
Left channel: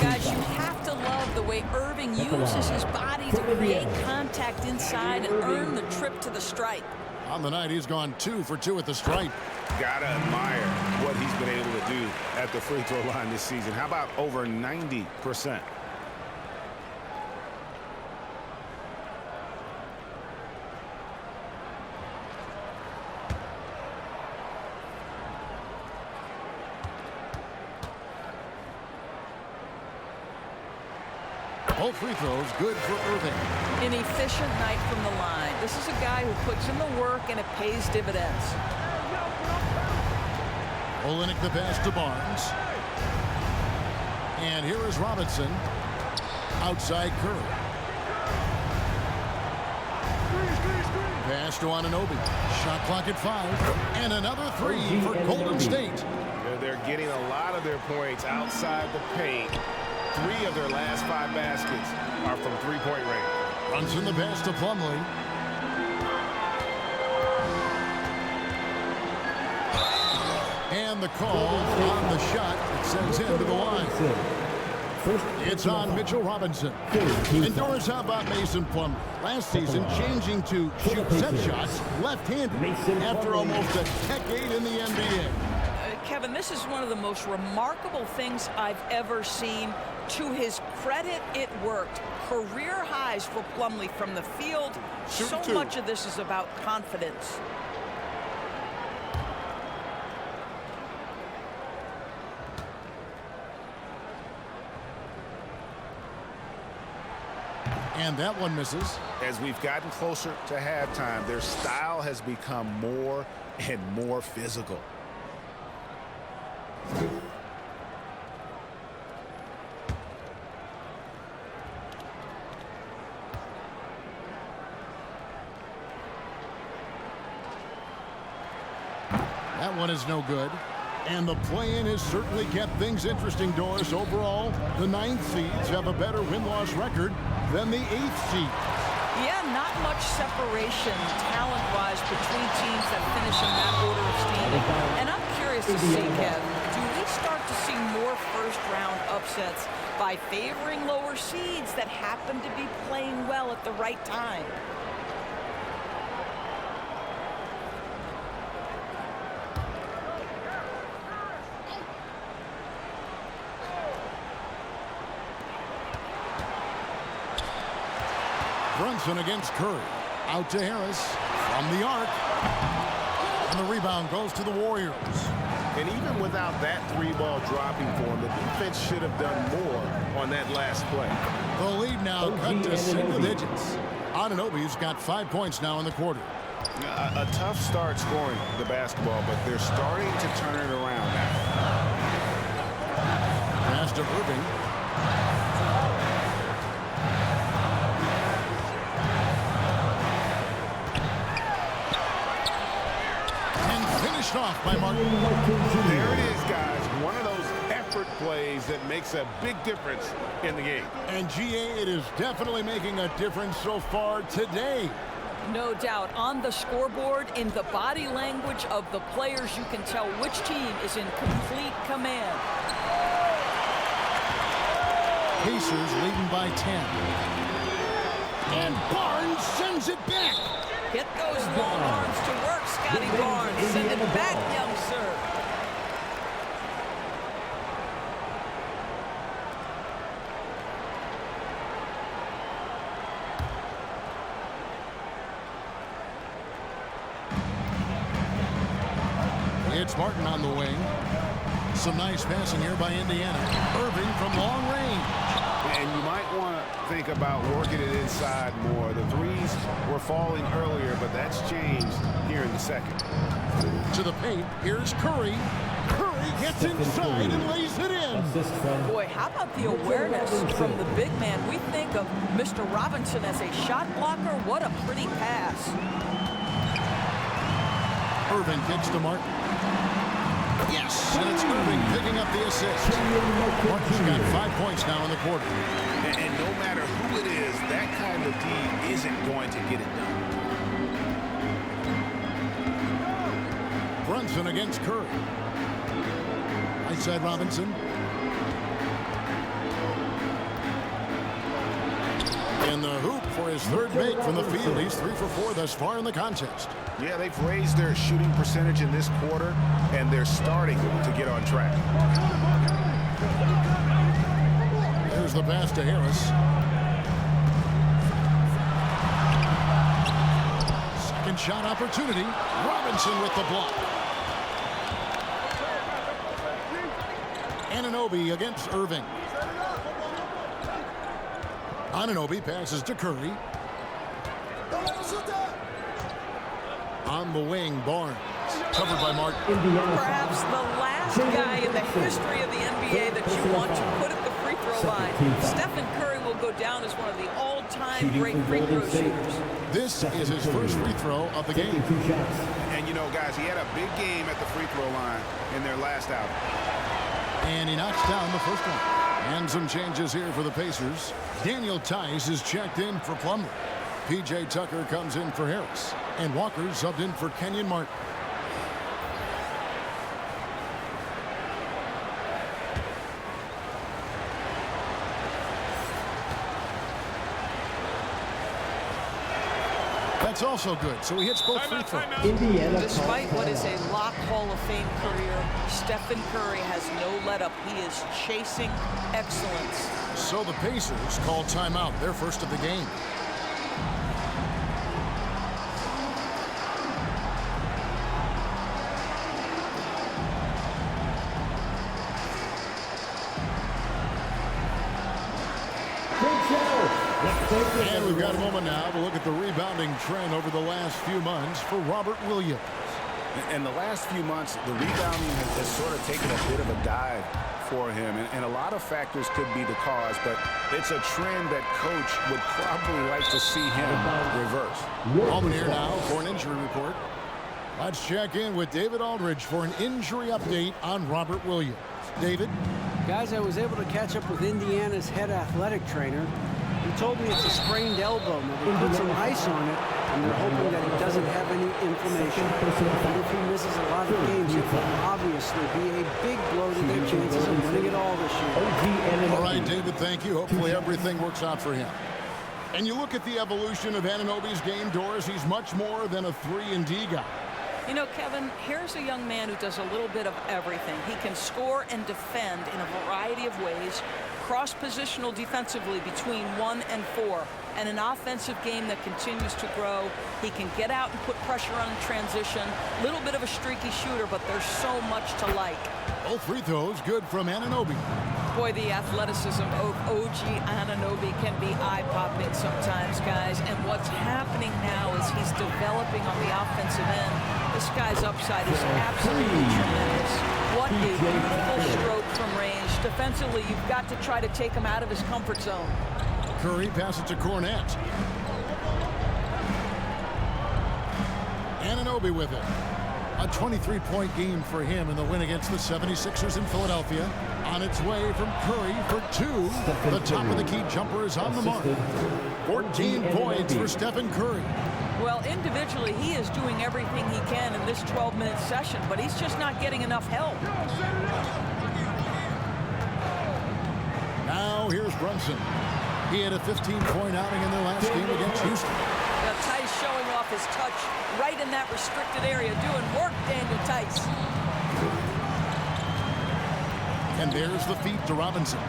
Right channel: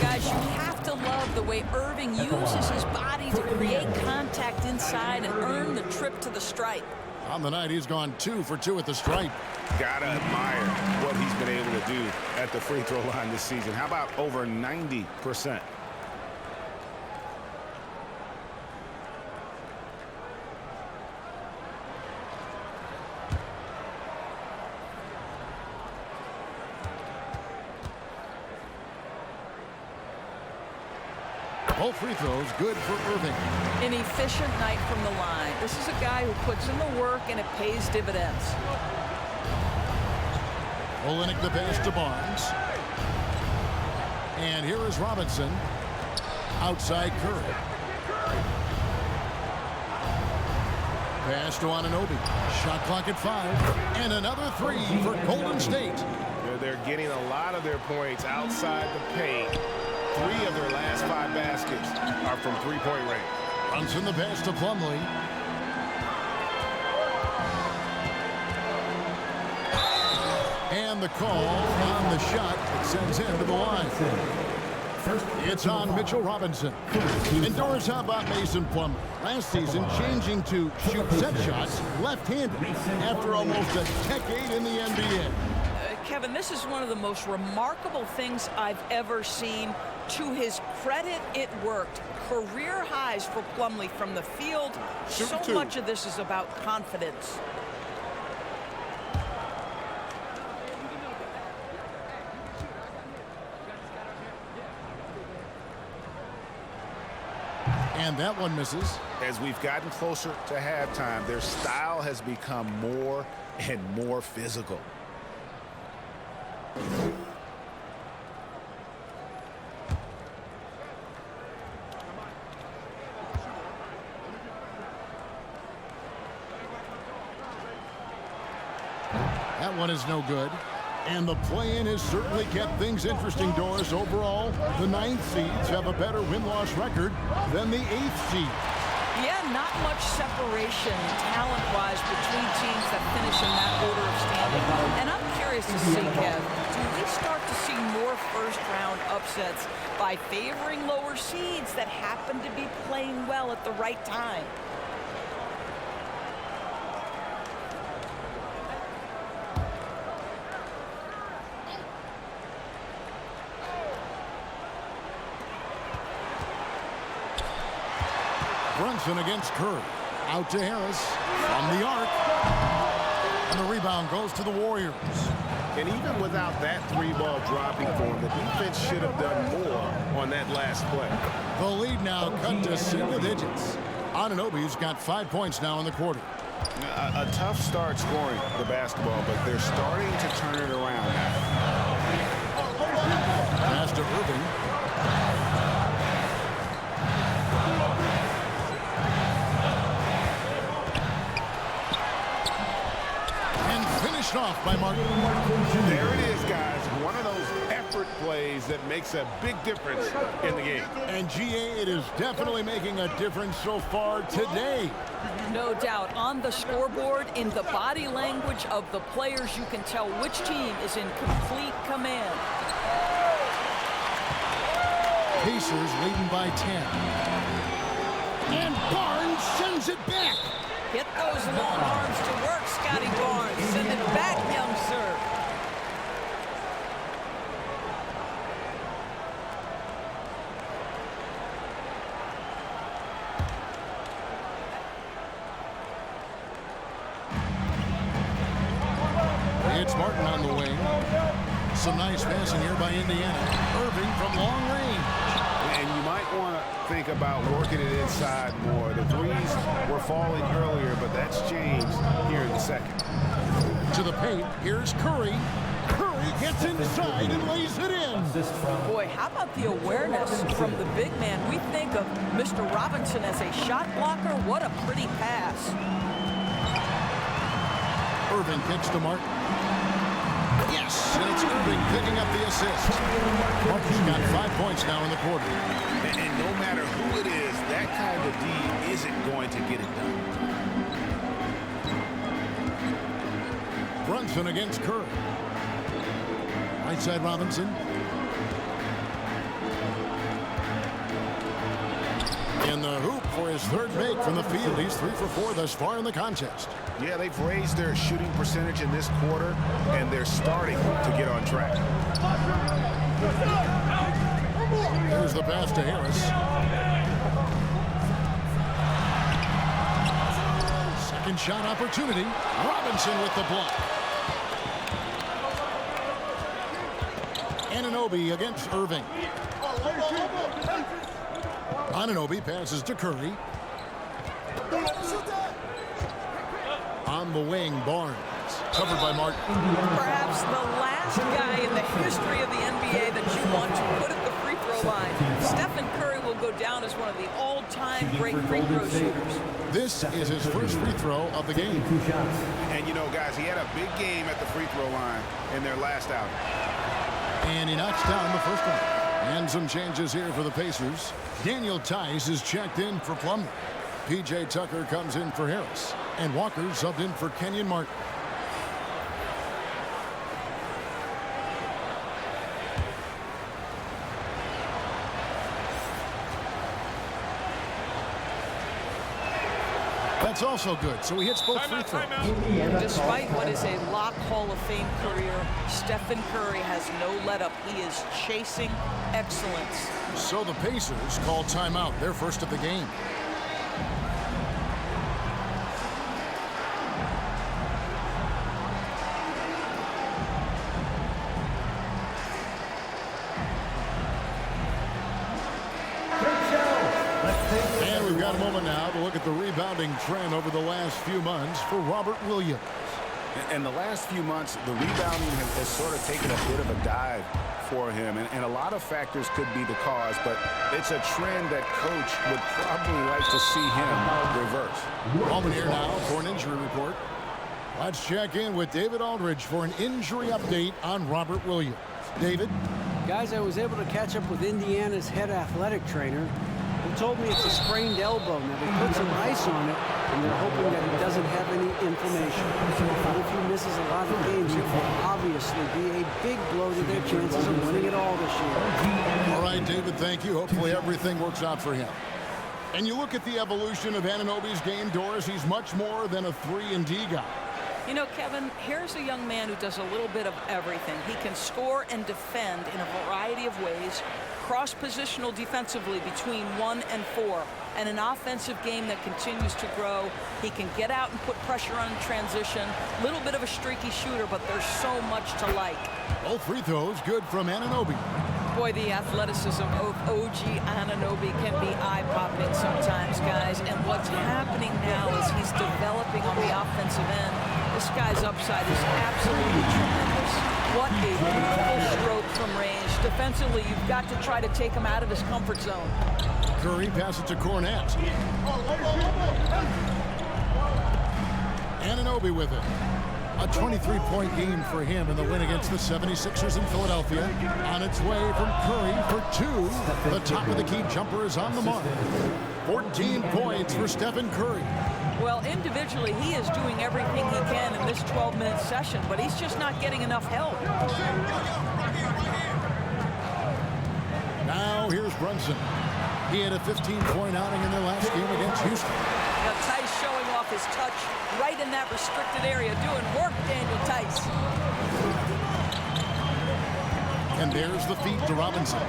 Guys, you have to love the way Irving uses his body to create contact inside and earn the trip to the stripe. On the night, he's gone 2 for 2 at the stripe. Gotta admire what he's been able to do at the free throw line this season. How about over 90%? Both free throws good for Irving. An efficient night from the line. This is a guy who puts in the work and it pays dividends. Olynyk the pass to Barnes. And here is Robinson. Outside Curry. Pass to Anunoby. Shot clock at 5. And another 3 for Golden State. They're getting a lot of their points outside the paint. 3 of their last 5 baskets are from three-point range. Brunson the pass to Plumlee. And the call on the shot that sends him to the line. It's on Mitchell Robinson. And Doris, how about Mason Plumlee? Last season, changing to shoot set shots left-handed after almost a decade in the NBA. Kevin, this is one of the most remarkable things I've ever seen. To his credit, it worked. Career highs for Plumlee from the field. So much of this is about confidence. And that one misses. As we've gotten closer to halftime, their style has become more and more physical. That one is no good. And the play-in has certainly kept things interesting, Doris. Overall, the 9th seeds have a better win-loss record than the 8th seeds. Yeah, not much separation talent-wise between teams that finish in that order of standing. And I'm curious to see, Kev, do we start to see more first-round upsets by favoring lower seeds that happen to be playing well at the right time? Brunson against Curry. Out to Harris from the arc. And the rebound goes to the Warriors. And even without that 3-ball dropping for him, the defense should have done more on that last play. The lead now cut to single digits. Anunoby's got 5 points now in the quarter. A tough start scoring the basketball, but they're starting to turn it around now. Pass to Irving. Finished off by Martin. There it is, guys. One of those effort plays that makes a big difference in the game. And GA, it is definitely making a difference so far today. No doubt. On the scoreboard, in the body language of the players, you can tell which team is in complete command. Pacers leading by 10. And Barnes sends it back. Get those long arms to work, Scotty Barnes. Send it back, young sir. It's Martin on the wing. Some nice passing here by Indiana. Irving from long range. And you might want to think about working it inside more. The threes were falling earlier, but that's changed here in the second. To the paint, here's Curry. Curry Curry gets inside and lays it in. Assist from Boy, how about the awareness from the big man? We think of Mr. Robinson as a shot blocker. What a pretty pass. Irving kicks to Martin. Yes, and it's Irving picking up the assist. Martin's got 5 points now in the quarter. And no matter who it is, that kind of D isn't going to get it done. Brunson against Curry. Right side Robinson. In the hoop for his third make from the field. He's 3 for 4 thus far in the contest. Yeah, they've raised their shooting percentage in this quarter, and they're starting to get on track. There's the pass to Harris. Second shot opportunity. Robinson with the block. Anunoby against Irving. Anunoby passes to Curry. On the wing, Barnes. Covered by Martin. Perhaps the last guy in the history of the NBA that you want to put at the free throw line. Stephen Curry will go down as one of the all-time great free throw shooters. This is his first free throw of the game. 2 shots. And, you know, guys, he had a big game at the free throw line in their last outing. And he knocks down the first one. And some changes here for the Pacers. Daniel Tice is checked in for Plumlee. P.J. Tucker comes in for Harris. And Walker subbed in for Kenyon Martin. That's also good. So he hits both free throws. Indiana. Despite what is a lock Hall of Fame career, Stephen Curry has no let-up. He is chasing excellence. So the Pacers call timeout, their first of the game. And we've got a moment now to look at the rebounding trend over the last few months for Robert Williams. In the last few months, the rebounding has sort of taken a bit of a dive for him, and a lot of factors could be the cause, but it's a trend that coach would probably like to see him reverse. Moment here now for an injury report. Let's check in with David Aldridge for an injury update on Robert Williams. David? Guys, I was able to catch up with Indiana's head athletic trainer. He told me it's a sprained elbow. Now, they put some ice on it, and they're hoping that he doesn't have any inflammation. But if he misses a lot of games, it will obviously be a big blow to their chances of winning it all this year. All right, David, thank you. Hopefully everything works out for him. And you look at the evolution of Anunoby's game, Doris, he's much more than a 3-and-D guy. You know, Kevin, here's a young man who does a little bit of everything. He can score and defend in a variety of ways, cross-positional defensively between 1 and 4, and an offensive game that continues to grow. He can get out and put pressure on transition. Little bit of a streaky shooter, but there's so much to like. Both free throws good from Anunoby. Boy, the athleticism of OG Anunoby can be eye-popping sometimes, guys. And what's happening now is he's developing on the offensive end. This guy's upside is absolutely tremendous. What a beautiful stroke from range. Defensively, you've got to try to take him out of his comfort zone. Curry passes to Cornette. Anunoby with it. A 23-point game for him in the win against the 76ers in Philadelphia. On its way from Curry for 2. The top of the key jumper is on the mark. 14 points for Stephen Curry. Well, individually, he is doing everything he can in this 12-minute session, but he's just not getting enough help. Now here's Brunson. He had a 15-point outing in their last game against Houston. Now, Tice showing off his touch right in that restricted area. Doing work, Daniel Tice. And there's the feed to Robinson.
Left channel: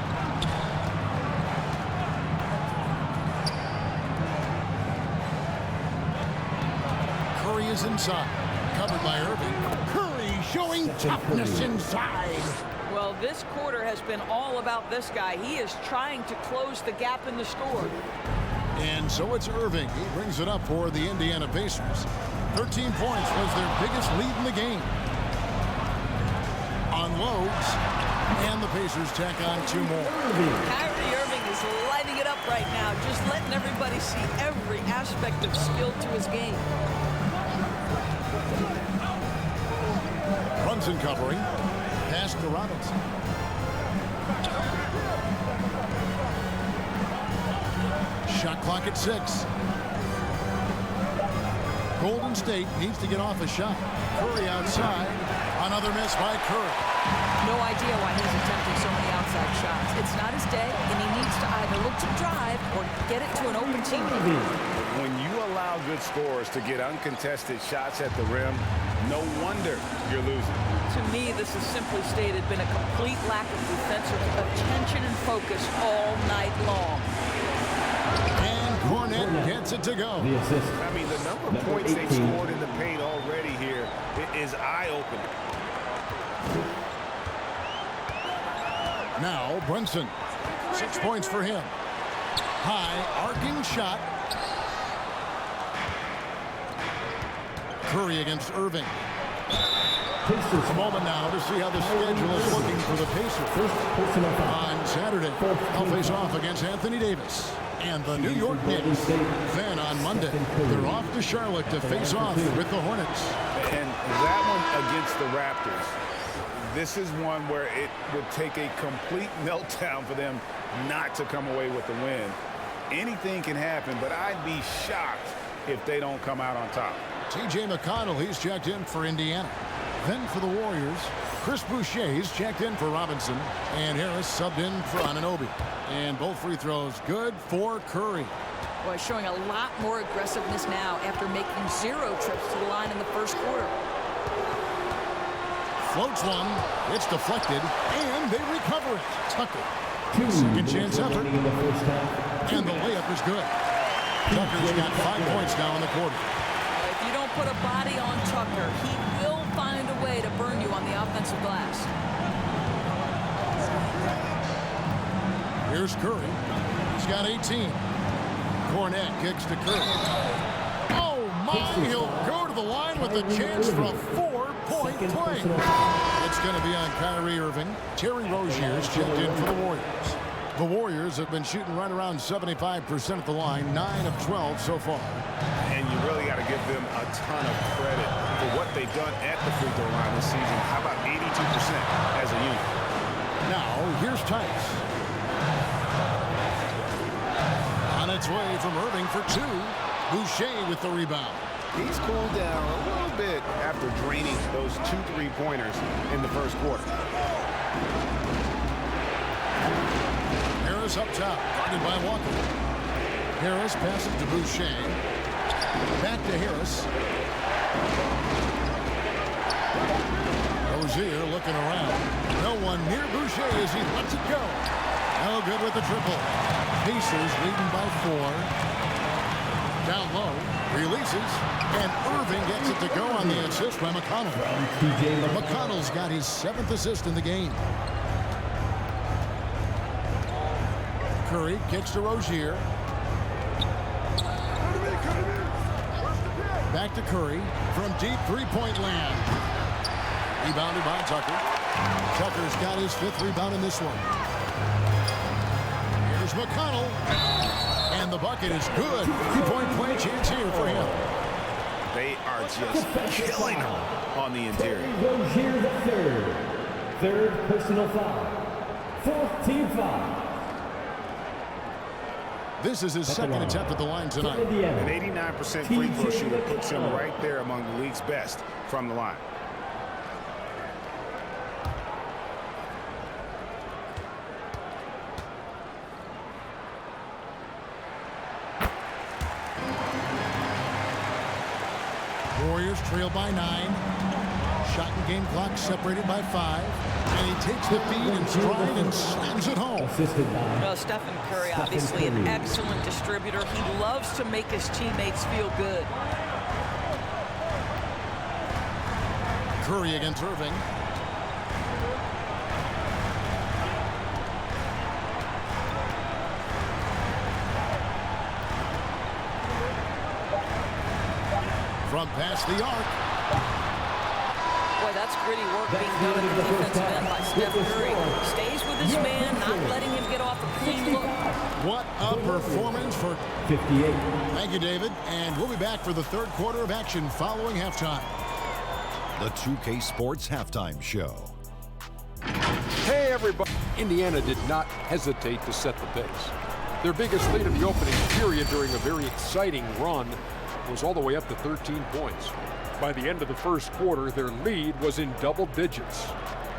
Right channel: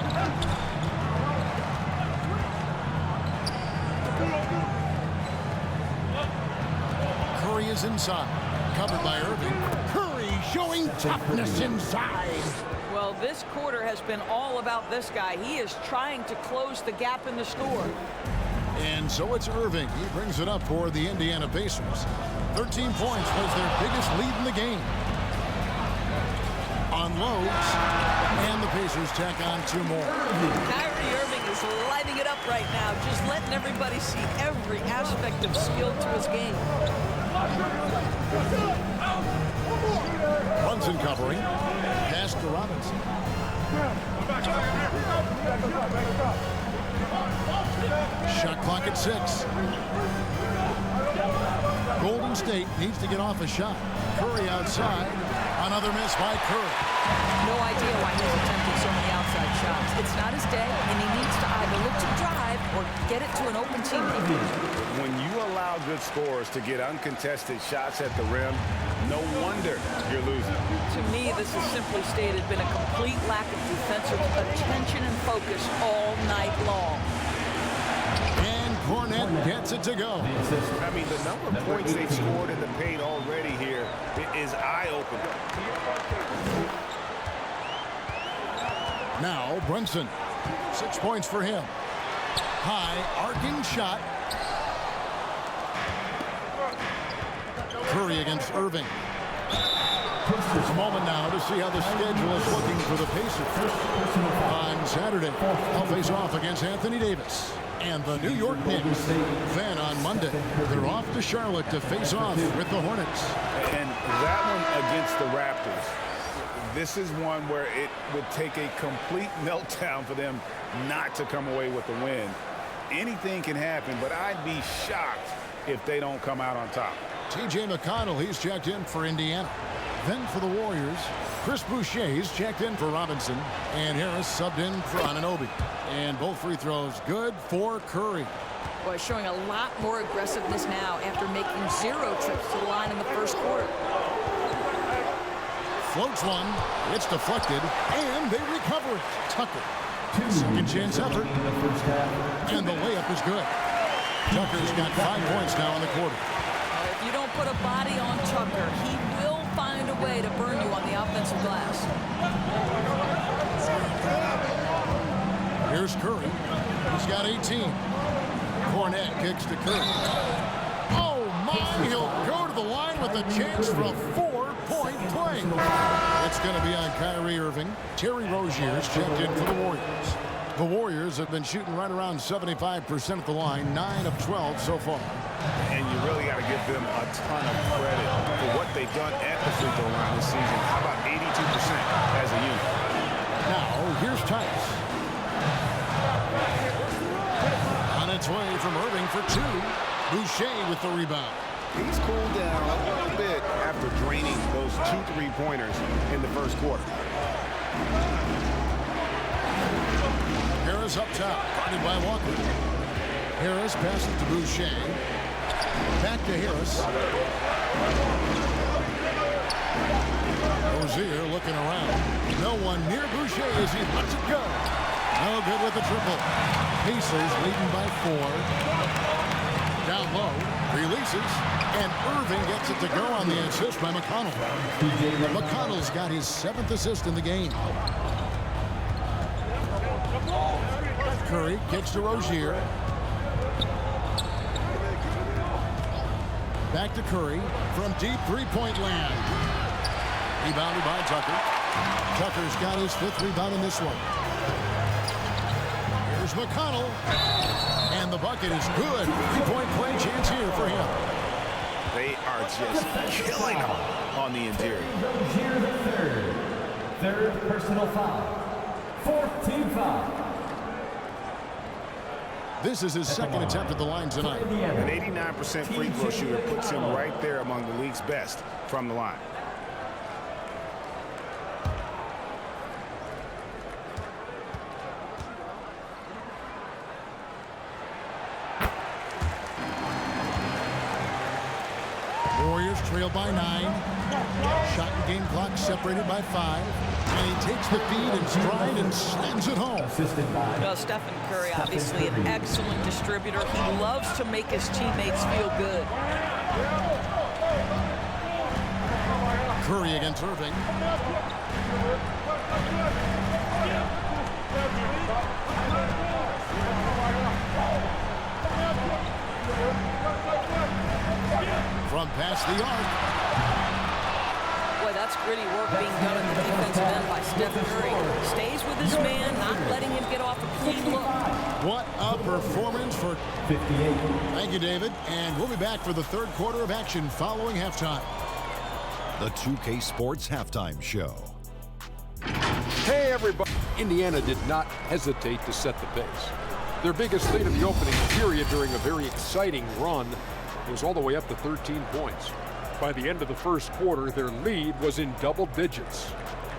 Curry is inside. Covered by Irving. Curry showing toughness inside. Well, this quarter has been all about this guy. He is trying to close the gap in the score. And so it's Irving. He brings it up for the Indiana Pacers. 13 points was their biggest lead in the game. unloads, and the Pacers tack on 2 more. Kyrie Irving is lighting it up right now, just letting everybody see every aspect of skill to his game. Brunson covering. Pass to Robinson. Shot clock at 6. Golden State needs to get off a shot. Curry outside. Another miss by Curry. No idea why he's attempting so many outside shots. It's not his day, and he needs to either look to drive or get it to an open teammate. When you allow good scorers to get uncontested shots at the rim, no wonder you're losing. To me, this has simply stated been a complete lack of defensive attention and focus all night long. And Cornette gets it to go. The assist. I mean, the number of points they've scored in the paint already here is eye-opening. Now Brunson. 6 points for him. High arcing shot. Curry against Irving. A moment now to see how the schedule is looking for the Pacers. On Saturday, they'll face off against Anthony Davis and the New York Knicks. Then on Monday, they're off to Charlotte to face off with the Hornets. And that one against the Raptors, this is one where it would take a complete meltdown for them not to come away with the win. Anything can happen, but I'd be shocked if they don't come out on top. T.J. McConnell, he's checked in for Indiana. Then for the Warriors, Chris Boucher's checked in for Robinson, and Harris subbed in for Anunoby. And both free throws good for Curry. Boy, showing a lot more aggressiveness now after making 0 trips to the line in the first quarter. Floats one, it's deflected, and they recover it. Tucker, second chance effort, and the layup is good. Tucker's got 5 points now in the quarter. If you don't put a body on Tucker, he will find a way to burn you on the offensive glass. Here's Curry. He's got 18. Cornette kicks to Curry. Oh my, he'll go to the line with a chance for a 4-point play. It's going to be on Kyrie Irving. Terry Rozier's checked in for the Warriors. The Warriors have been shooting right around 75% at the line, 9 of 12 so far. And you really got to give them a ton of credit for what they've done at the free throw line this season. How about 82% as a unit? Now, here's Tice. On its way from Irving for 2. Boucher with the rebound. He's cooled down a little bit after draining those 2 3-pointers in the first quarter. Harris up top, guarded by Walker. Harris passes to Boucher. Back to Harris. Rozier looking around. No one near Boucher as he lets it go. No good with the triple. Pacers leading by 4. Down low, releases, and Irving gets it to go on the assist by McConnell. McConnell's got his 7th assist in the game. Curry kicks to Rozier. Back to Curry from deep 3-point land. Rebounded by Tucker. Tucker's got his 5th rebound in this one. Here's McConnell. And the bucket is good. 3-point play chance here for him. They are just killing them on the interior. Rozier the third. Third personal foul. 4th team foul. This is his second attempt at the line tonight. An 89% free throw shooter puts him right there among the league's best from the line. Warriors trail by 9. Shot and game clock separated by 5. And he takes the feed in stride and slams it home. Well, Stephen Curry, obviously an excellent distributor. He loves to make his teammates feel good. Curry against Irving. From past the arc. Boy, that's gritty work being done at the defensive end by Steph Curry. Stays with his man, not letting him get off a clean look. What a performance for 58. Thank you, David. And we'll be back for the third quarter of action following halftime. The 2K Sports Halftime Show. Hey, everybody. Indiana did not hesitate to set the pace. Their biggest lead of the opening period during a very exciting run was all the way up to 13 points. By the end of the first quarter, their lead was in double digits.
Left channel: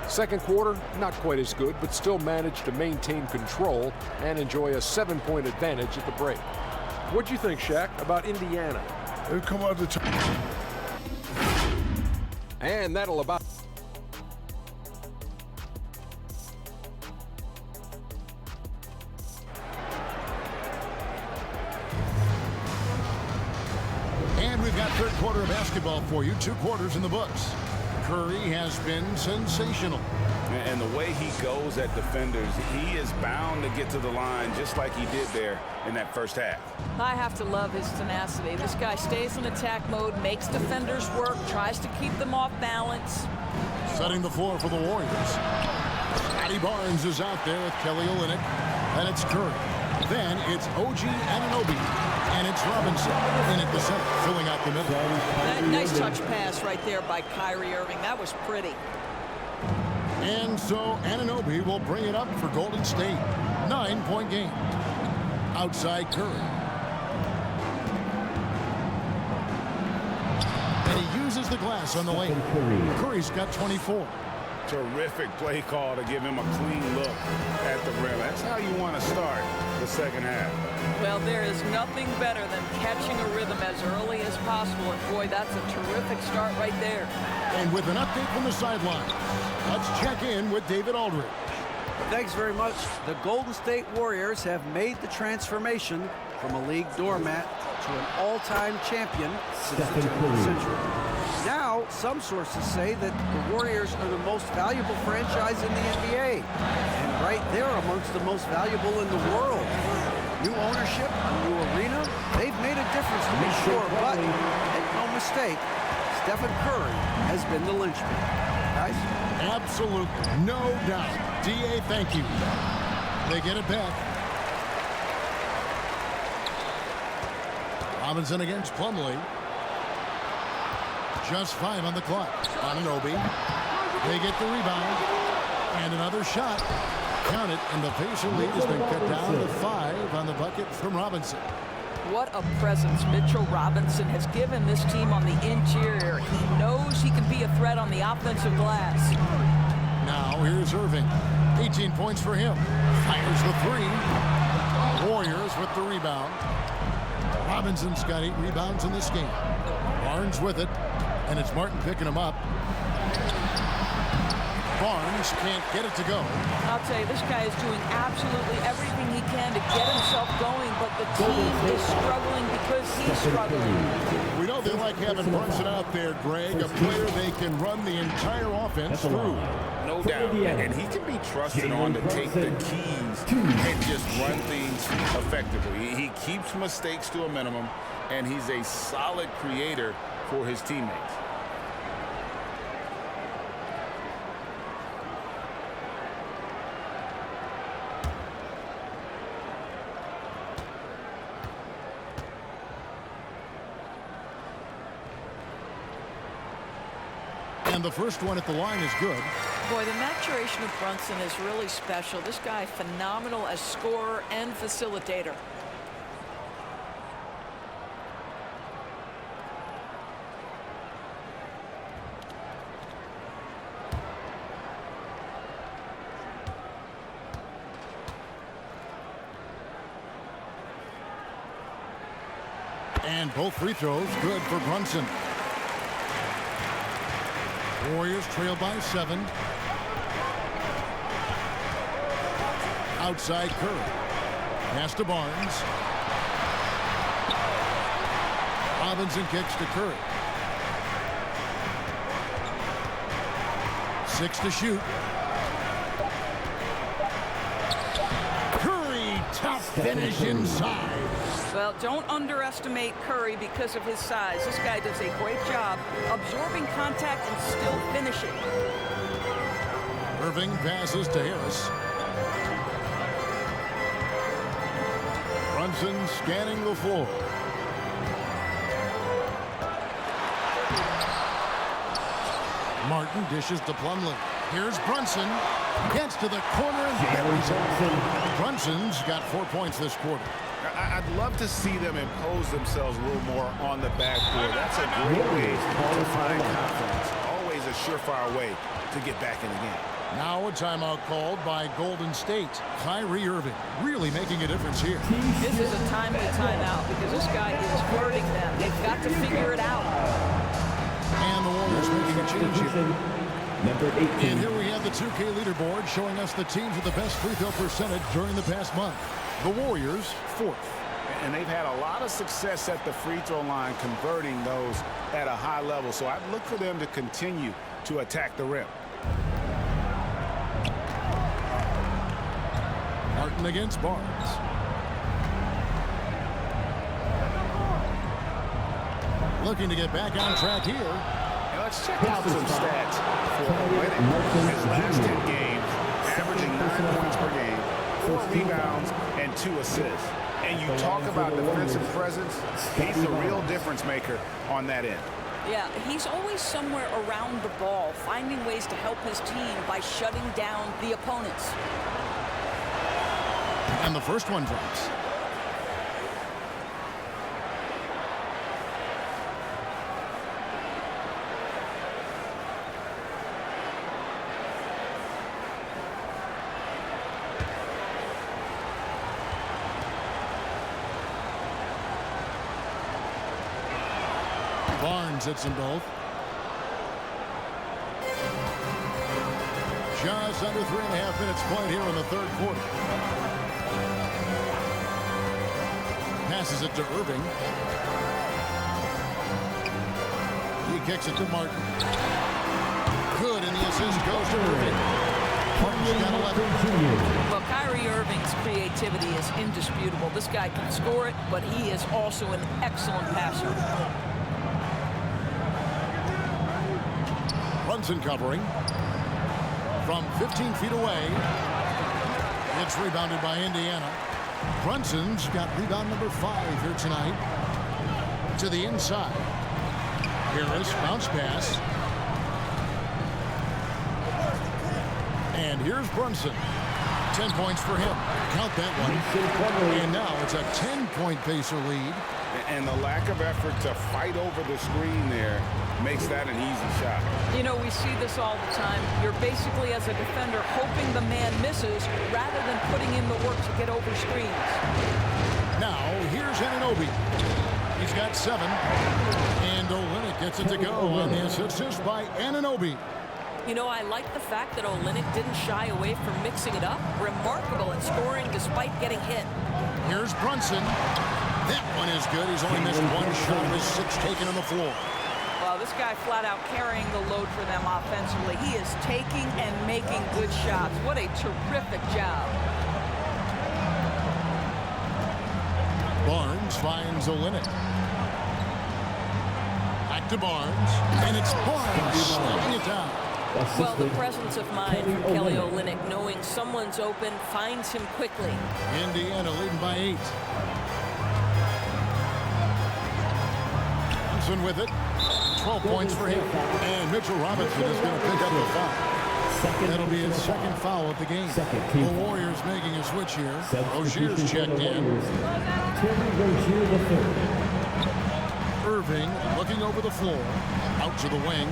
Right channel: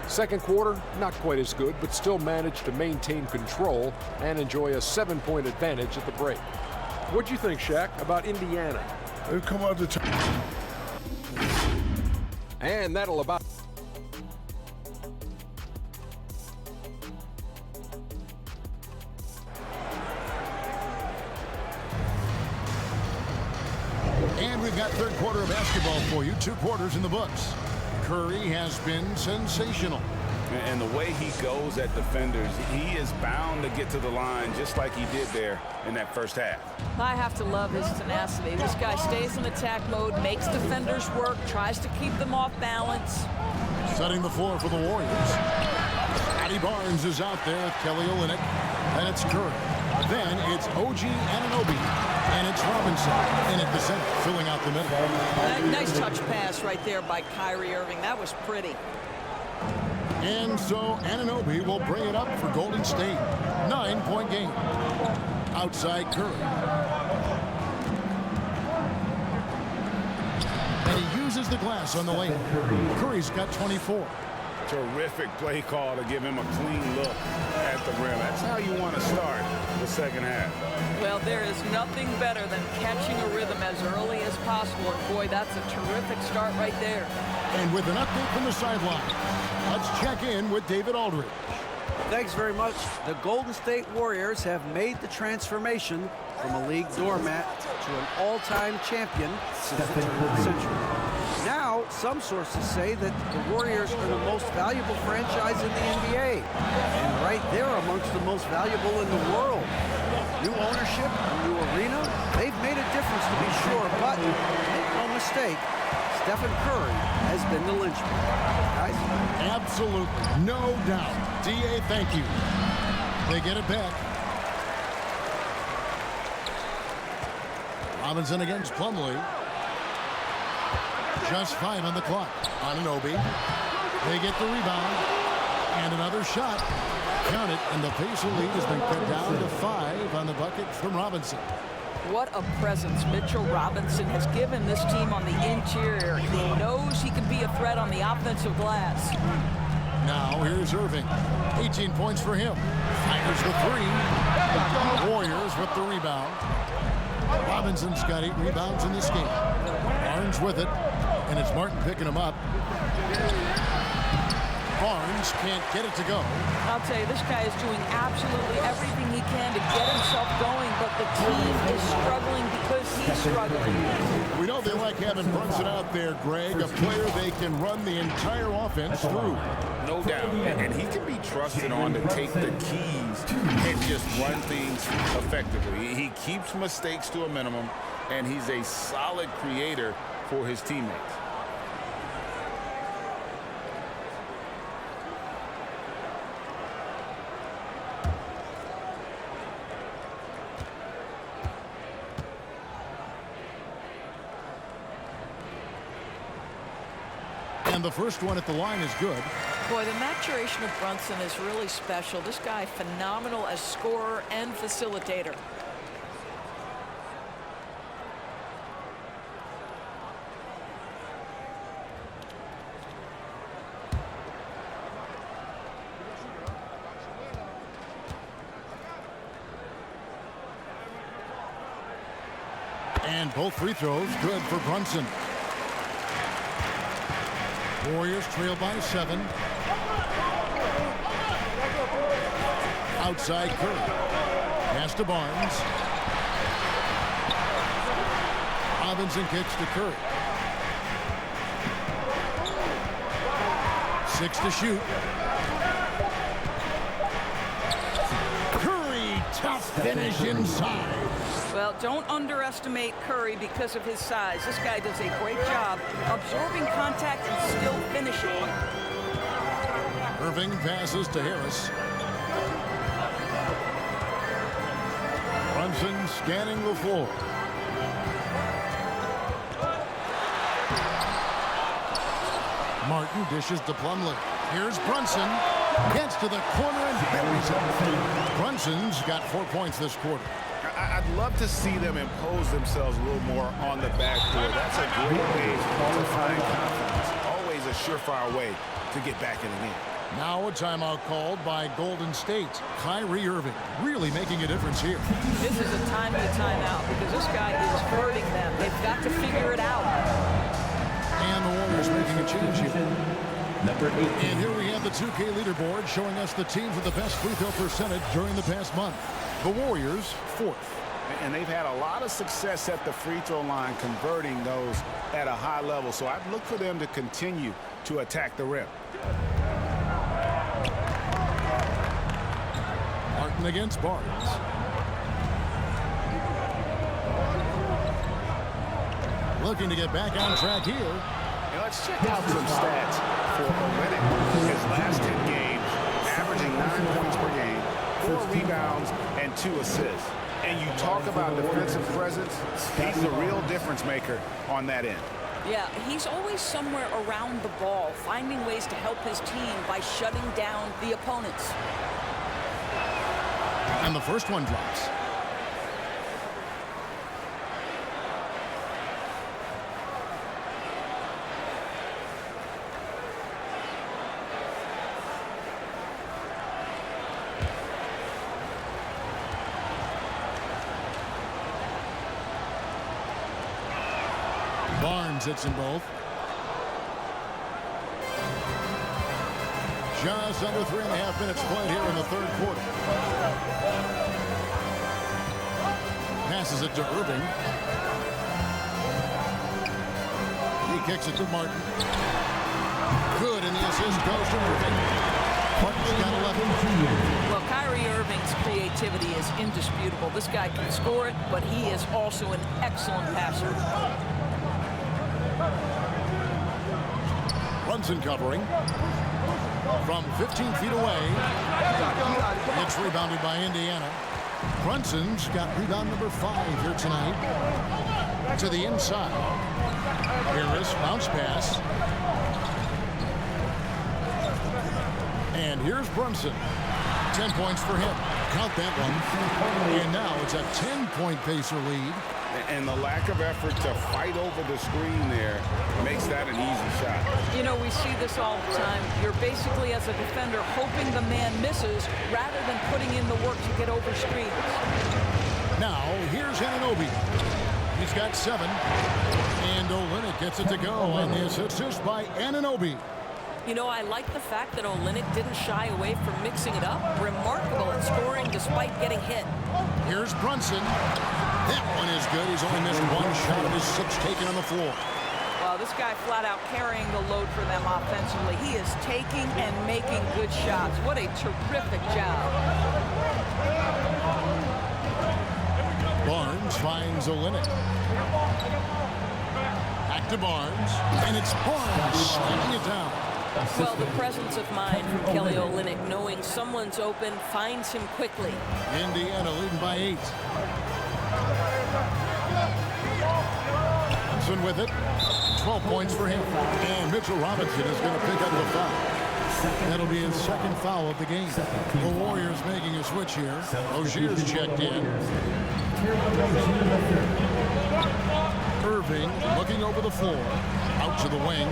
Second quarter, not quite as good, but still managed to maintain control and enjoy a 7-point advantage at the break. What'd you think, Shaq, about Indiana? They come out the top. And that'll about... And we've got third quarter of basketball for you. 2 quarters in the books. Curry has been sensational. And the way he goes at defenders, he is bound to get to the line just like he did there in that first half. I have to love his tenacity. This guy stays in attack mode, makes defenders work, tries to keep them off balance. Setting the floor for the Warriors. Scotty Barnes is out there with Kelly Olynyk. And it's Curry. Then it's OG Anunoby. And it's Robinson in at the center, filling out the middle. Nice touch pass right there by Kyrie Irving. That was pretty. And so Anunoby will bring it up for Golden State. 9-point game. Outside Curry. And he uses the glass on the lane. Curry's got 24. Terrific play call to give him a clean look at the rim. That's how you want to start the second half. Well, there is nothing better than catching a rhythm as early as possible. And boy, that's a terrific start right there. And with an update from the sideline, let's check in with David Aldridge. Thanks very much. The Golden State Warriors have made the transformation from a league doormat to an all-time champion since the turn of the century. Now, some sources say that the Warriors are the most valuable franchise in the NBA. And right there amongst the most valuable in the world. New ownership, a new arena, they've made a difference to be sure, but make no mistake, Stephen Curry has been the linchpin. Guys? Absolutely, no doubt. DA, thank you. They get it back. Robinson against Plumlee. Just 5 on the clock. Anunoby. They get the rebound. And another shot. Count it, and the Pacer lead has been cut down to 5 on the bucket from Robinson. What a presence Mitchell Robinson has given this team on the interior. He knows he can be a threat on the offensive glass. Now here's Irving. 18 points for him. Fires the 3. Warriors with the rebound. Robinson's got 8 rebounds in this game. Barnes with it, and it's Martin picking him up. Barnes can't get it to go. I'll tell you, this guy is doing absolutely everything he can to get himself going, but the team is struggling because he's struggling. We know they like having Brunson out there, Greg, a player they can run the entire offense through. No doubt, and he can be trusted on to take the keys and just run things effectively. He keeps mistakes to a minimum, and he's a solid creator for his teammates. And the first one at the line is good. Boy, the maturation of Brunson is really special. This guy, phenomenal as scorer and facilitator. And both free throws good for Brunson. Warriors trail by 7. Outside Curry. Pass to Barnes. Robinson kicks to Curry. 6 to shoot. Curry Tough finish inside. Well, don't underestimate Curry because of his size. This guy does a great job absorbing contact and still finishing. Irving passes to Harris. Brunson scanning the floor. Martin dishes to Plumlee. Here's Brunson. Gets to the corner and buries it. Brunson's got 4 points this quarter. I'd love to see them impose themselves a little more on the backcourt. That's a great way to find confidence. Always a surefire way to get back in the game. Now a timeout called by Golden State. Kyrie Irving really making a difference here. This is a timely timeout because this guy is hurting them. They've got to figure it out. And the Warriors making a change here. Number 18. And here we have the 2K leaderboard showing us the teams with the best free throw percentage during the past month. The Warriors, 4th. And they've had a lot of success at the free throw line converting those at a high level. So I'd look for them to continue to attack the rim. Martin against Barnes. Looking to get back on track here. And let's check out some stats for Olynyk. His last 10 games, averaging 9 points per game, 4 rebounds, and 2 assists. And you talk about defensive presence, he's the real difference maker on that end. Yeah, he's always somewhere around the ball, finding ways to help his team by shutting down the opponents. And the first one drops. Barnes hits them both. Just under 3.5 minutes played here in the third quarter. Passes it to Irving. He kicks it to Martin. Good, and the assist goes to Irving. Martin's got 11. Well, Kyrie Irving's creativity is indisputable. This guy can score it, but he is also an excellent passer. Brunson covering. From 15 feet away. It's rebounded by Indiana. Brunson's got rebound number 5 here tonight. To the inside. Harris, bounce pass. And here's Brunson. 10 points for him. Count that one. And now it's a 10-point Pacer lead. And the lack of effort to fight over the screen there makes that an easy shot. You know, we see this all the time. You're basically, as a defender, hoping the man misses rather than putting in the work to get over screens. Now, here's Anunoby. He's got 7. And Olynyk gets it to go on the assist by Anunoby. You know, I like the fact that Olynyk didn't shy away from mixing it up. Remarkable at scoring despite getting hit. Here's Brunson. That one is good. He's only missed 1 shot of his 6 taken on the floor. Well, this guy flat out carrying the load for them offensively. He is taking and making good shots. What a terrific job. Barnes finds Olynyk. Back to Barnes. And it's Barnes slamming it down. Well, the presence of mind from Kelly Olynyk, knowing someone's open, finds him quickly. Indiana leading by 8. Brunson with it. 12 points for him. And Mitchell Robinson is going to pick up the foul. That'll be his 2nd foul of the game. The Warriors making a switch here. Rozier's checked in. Irving looking over the floor. Out to the wing.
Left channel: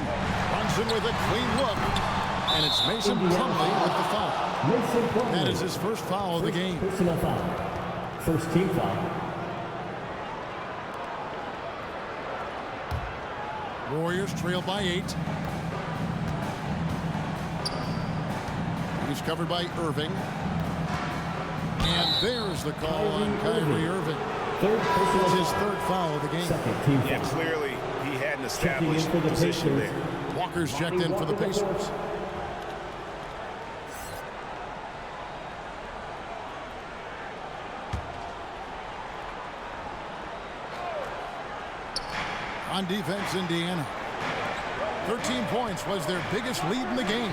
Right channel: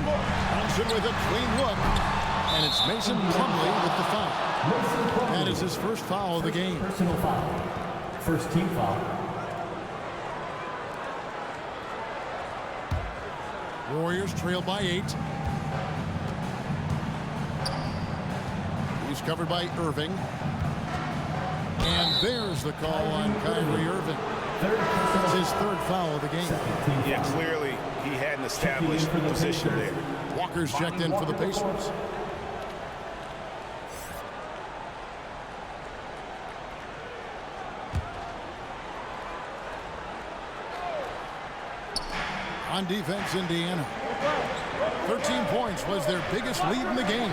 Brunson with a clean look. And it's Mason Plumlee with the foul. That is his first foul of the game. Personal foul. First team foul. Warriors trail by 8. He's covered by Irving. And there's the call on Kyrie Irving. It's his 3rd foul of the game. Yeah, clearly he had an established position there. Walker's checked in for the Pacers. On defense, Indiana. 13 points was their biggest lead in the game.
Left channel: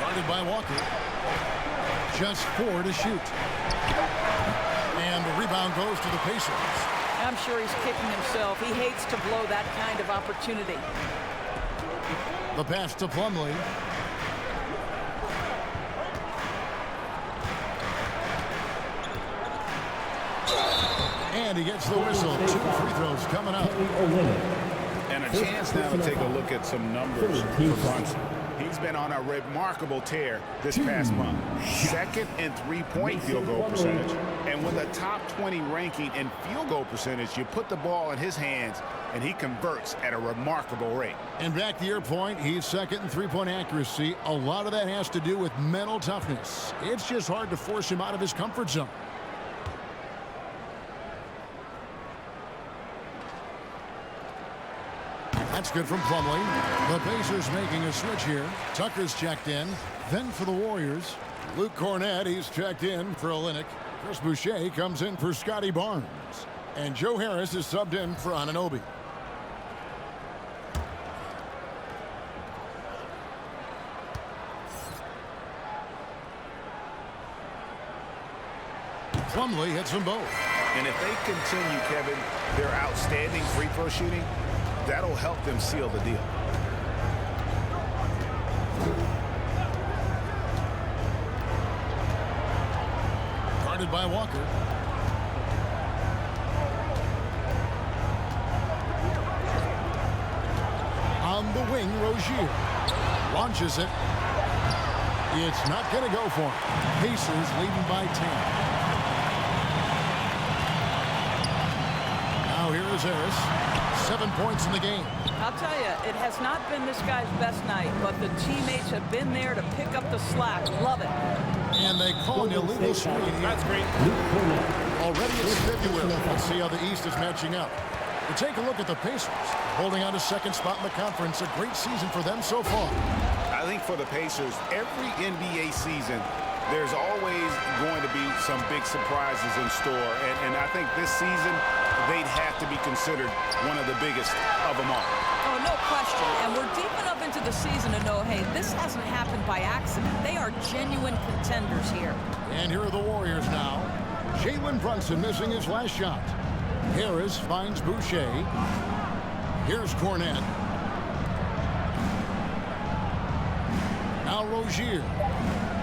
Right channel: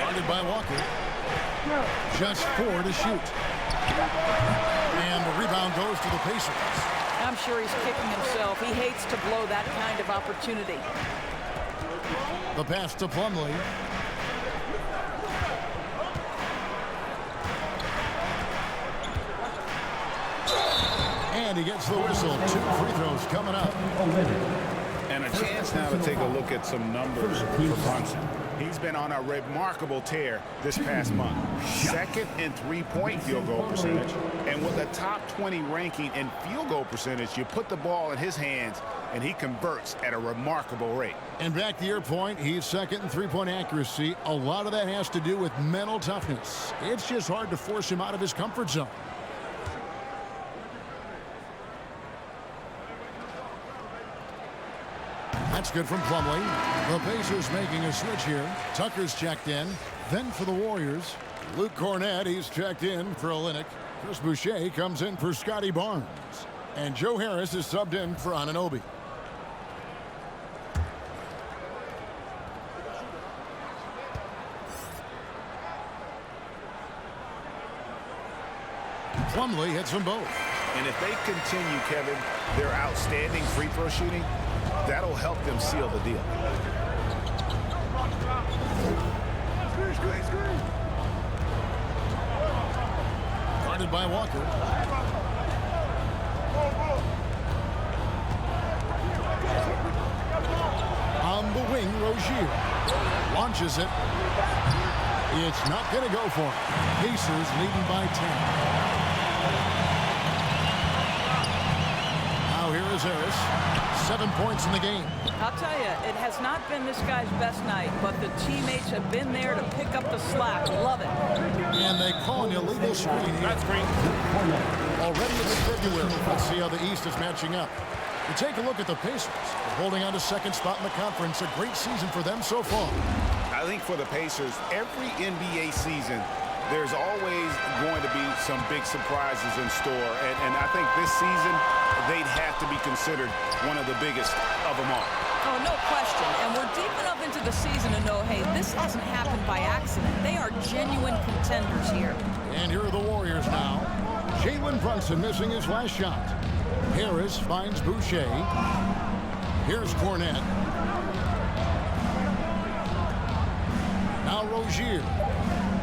Guarded by Walker. Just 4 to shoot. And the rebound goes to the Pacers. I'm sure he's kicking himself. He hates to blow that kind of opportunity. The pass to Plumlee. And he gets the whistle. 2 free throws coming up. And a chance now to take a look at some numbers for Brunson. He's been on a remarkable tear this past month. Second in three-point field goal percentage. And with a top 20 ranking in field goal percentage, you put the ball in his hands, and he converts at a remarkable rate. And back to your point, he's second in three-point accuracy. A lot of that has to do with mental toughness. It's just hard to force him out of his comfort zone. That's good from Plumlee. The Pacers making a switch here. Tucker's checked in. Then for the Warriors, Luke Cornett, he's checked in for Olynyk. Chris Boucher comes in for Scotty Barnes. And Joe Harris is subbed in for Anunoby. Plumlee hits them both. And if they continue, Kevin, their outstanding free throw shooting, that'll help them seal the deal. Guarded by Walker. On the wing, Rozier launches it. It's not going to go for him. Pacers leading by 10. Now here is Harris. 7 points in the game. I'll tell you, it has not been this guy's best night, but the teammates have been there to pick up the slack. Love it. And they call an illegal screen here. That screen. Already it's February. Let's see how the East is matching up. We take a look at the Pacers. They're holding on to second spot in the conference. A great season for them so far. I think for the Pacers, every NBA season, there's always going to be some big surprises in store. And I think this season, they'd have to be considered one of the biggest of them all. Oh, no question. And we're deep enough into the season to know, hey, this hasn't happened by accident. They are genuine contenders here. And here are the Warriors now. Jalen Brunson missing his last shot. Harris finds Boucher. Here's Cornett. Now Rozier.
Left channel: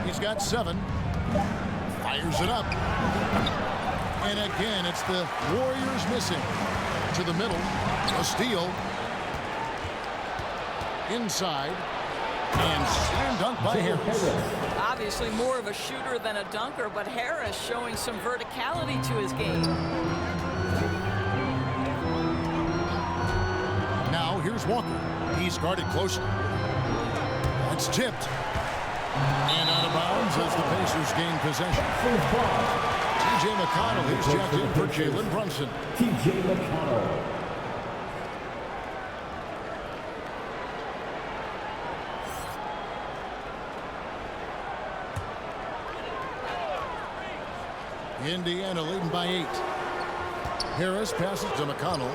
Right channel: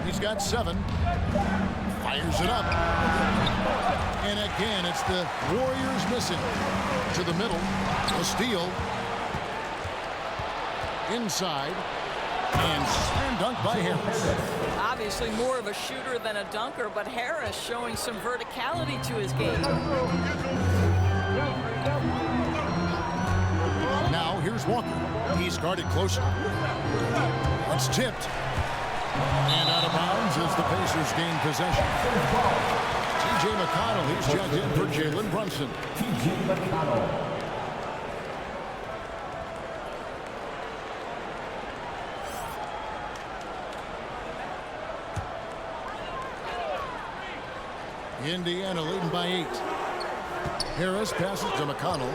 He's got 7. Fires it up. And again, it's the Warriors missing. To the middle. A steal. Inside. And slam dunk by Harris. Obviously more of a shooter than a dunker, but Harris showing some verticality to his game. Now here's Walker. He's guarded closely. It's tipped. And out of bounds as the Pacers gain possession. T.J. McConnell, he's checked in for Jalen Brunson. T.J. McConnell. Indiana leading by 8. Harris passes to McConnell.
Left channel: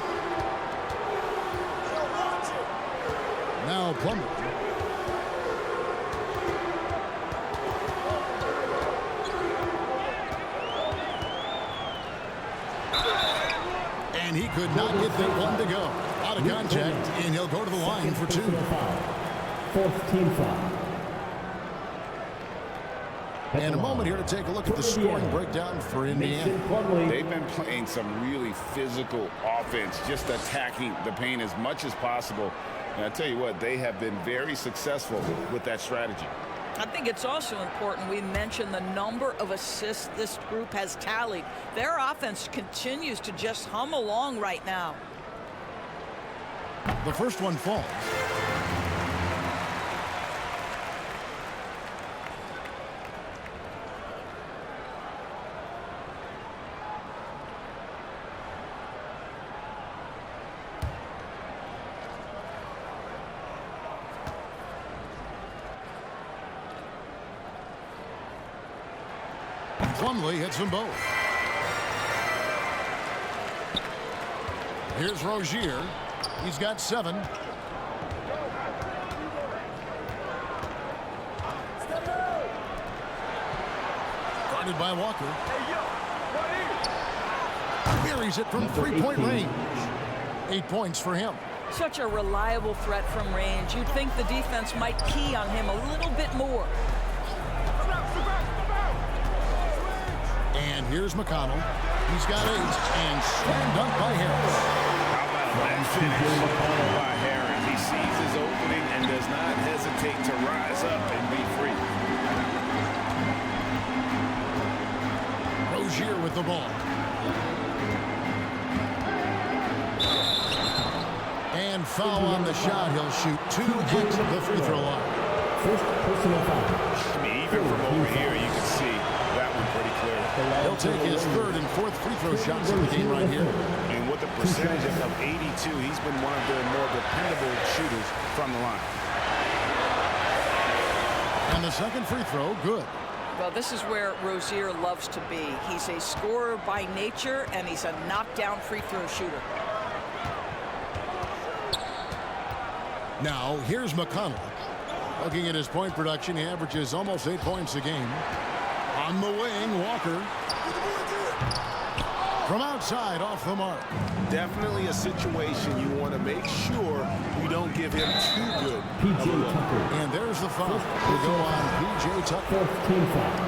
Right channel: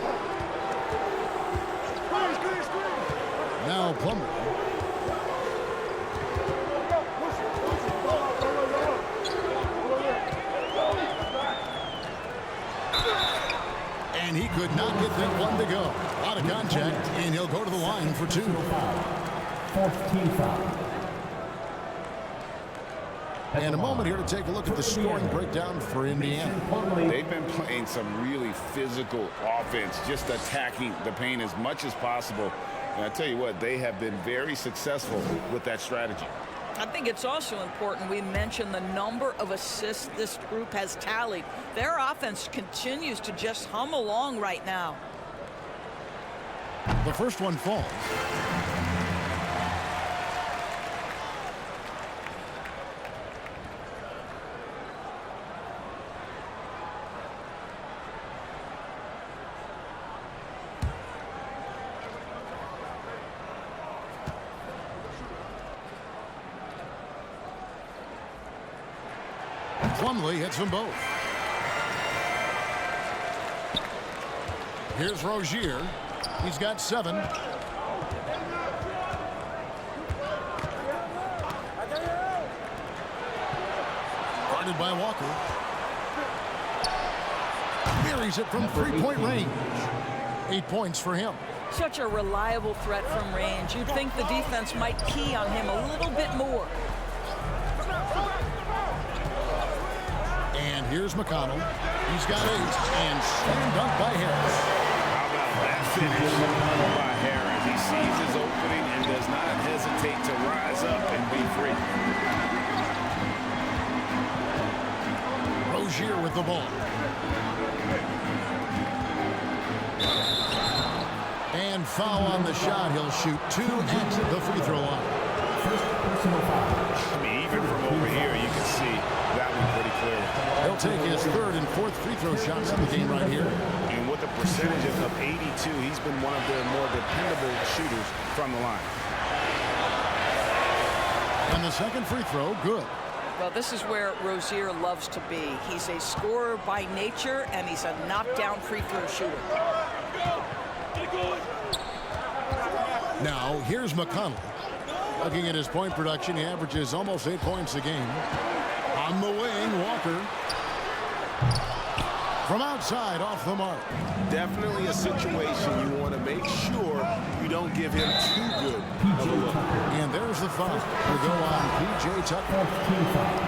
Now Plumlee. And he could not get that one to go. A lot of contact, and he'll go to the line for 2. Fourth team foul. And a moment here to take a look at the scoring breakdown for Indiana. They've been playing some really physical offense, just attacking the paint as much as possible. And I tell you what, they have been very successful with that strategy. I think it's also important we mention the number of assists this group has tallied. Their offense continues to just hum along right now. The first one falls. Plumlee hits them both. Here's Rozier. He's got 7. Guarded by Walker. Buries it from three-point range. 8 points for him. Such a reliable threat from range. You'd think the defense might key on him a little bit more. And here's McConnell. He's got 8 and slam dunk by Harris. How about that finish by Harris? He sees his opening and does not hesitate to rise up and be free. Rozier with the ball. And foul on the shot. He'll shoot 2 at the free throw line. First personal foul. I mean, even from over here, you can see that one pretty clearly. He'll take his 3rd and 4th free throw shots in the game right here. And with a percentage of 82, he's been one of their more dependable shooters from the line. And the 2nd free throw, good. Well, this is where Rozier loves to be. He's a scorer by nature, and he's a knockdown free throw shooter. Now, here's McConnell. Looking at his point production, he averages almost 8 points a game. On the wing, Walker. From outside, off the mark. Definitely a situation you want to make sure you don't give him too good of a look. And there's the foul. Will go on P.J. Tucker.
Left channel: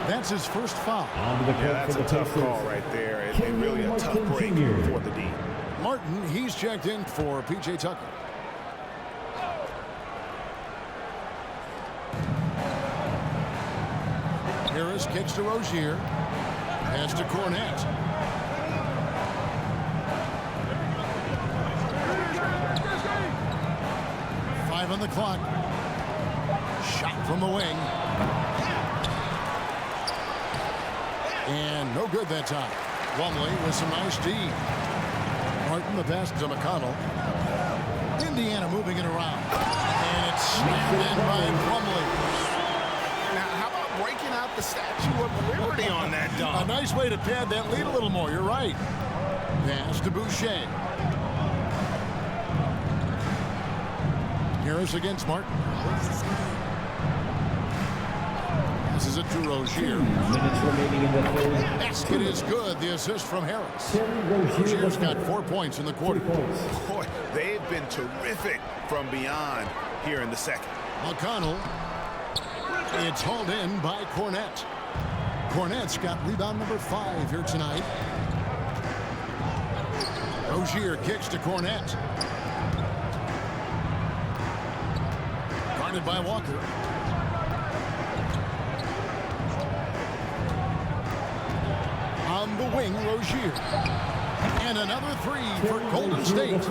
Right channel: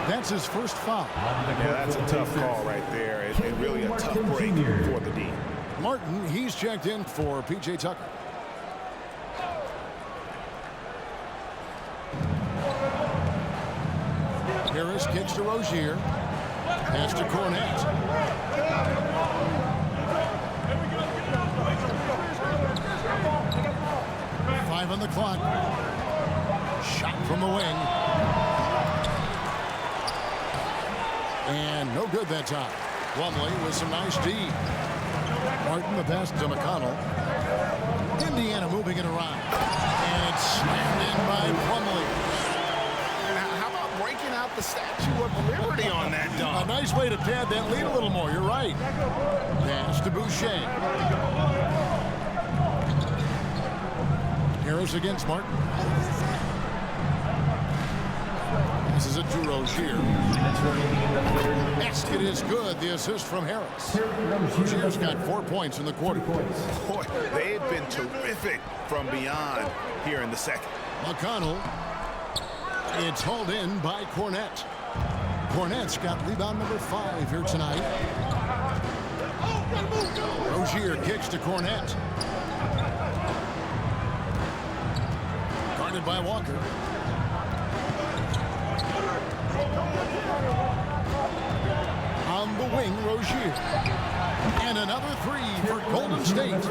That's his first foul. Yeah, that's a tough call right there. And really a tough break for the D. Martin, he's checked in for P.J. Tucker. Harris kicks to Rozier. Pass to Cornette. Five on the clock. Shot from the wing. And no good that time. Plumlee with some nice D. Martin the pass to McConnell. Indiana moving it around. And it's slammed in by Plumlee. How about breaking out the Statue of Liberty on that dunk? A nice way to pad that lead a little more. You're right. Pass to Boucher. Harris against Martin. Passes it to Rozier. 2 minutes remaining in the 3rd. Basket is good. The assist from Harris. Rozier's got 4 points in the quarter. Boy, they've been terrific from beyond here in the 2nd. McConnell. It's hauled in by Cornette. Cornette's got rebound number 5 here tonight. Rozier kicks to Cornette. Guarded by Walker. On the wing, Rozier. And another 3 for Golden State.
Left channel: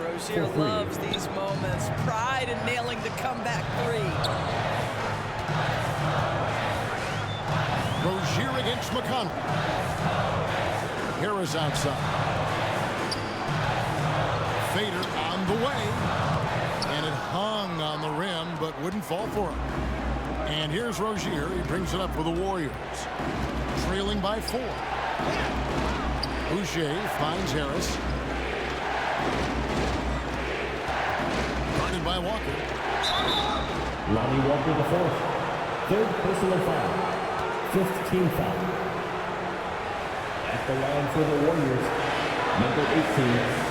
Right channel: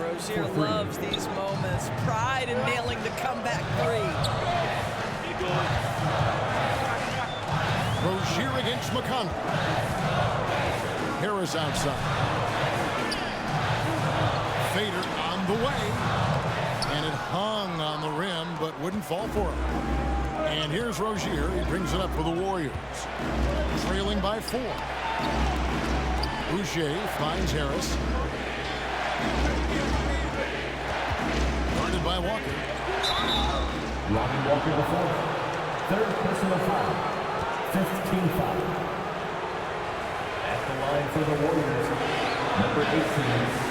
Rozier loves these moments. Pride in nailing the comeback 3. Rozier against McConnell. Harris outside. Fader on the way. And it hung on the rim, but wouldn't fall for him. And here's Rozier. He brings it up for the Warriors. Trailing by 4. Boucher finds Harris. Guarded by Walker. Lonnie Walker the 4th. 3rd personal foul. 5th team foul. At the line for the Warriors, number 18.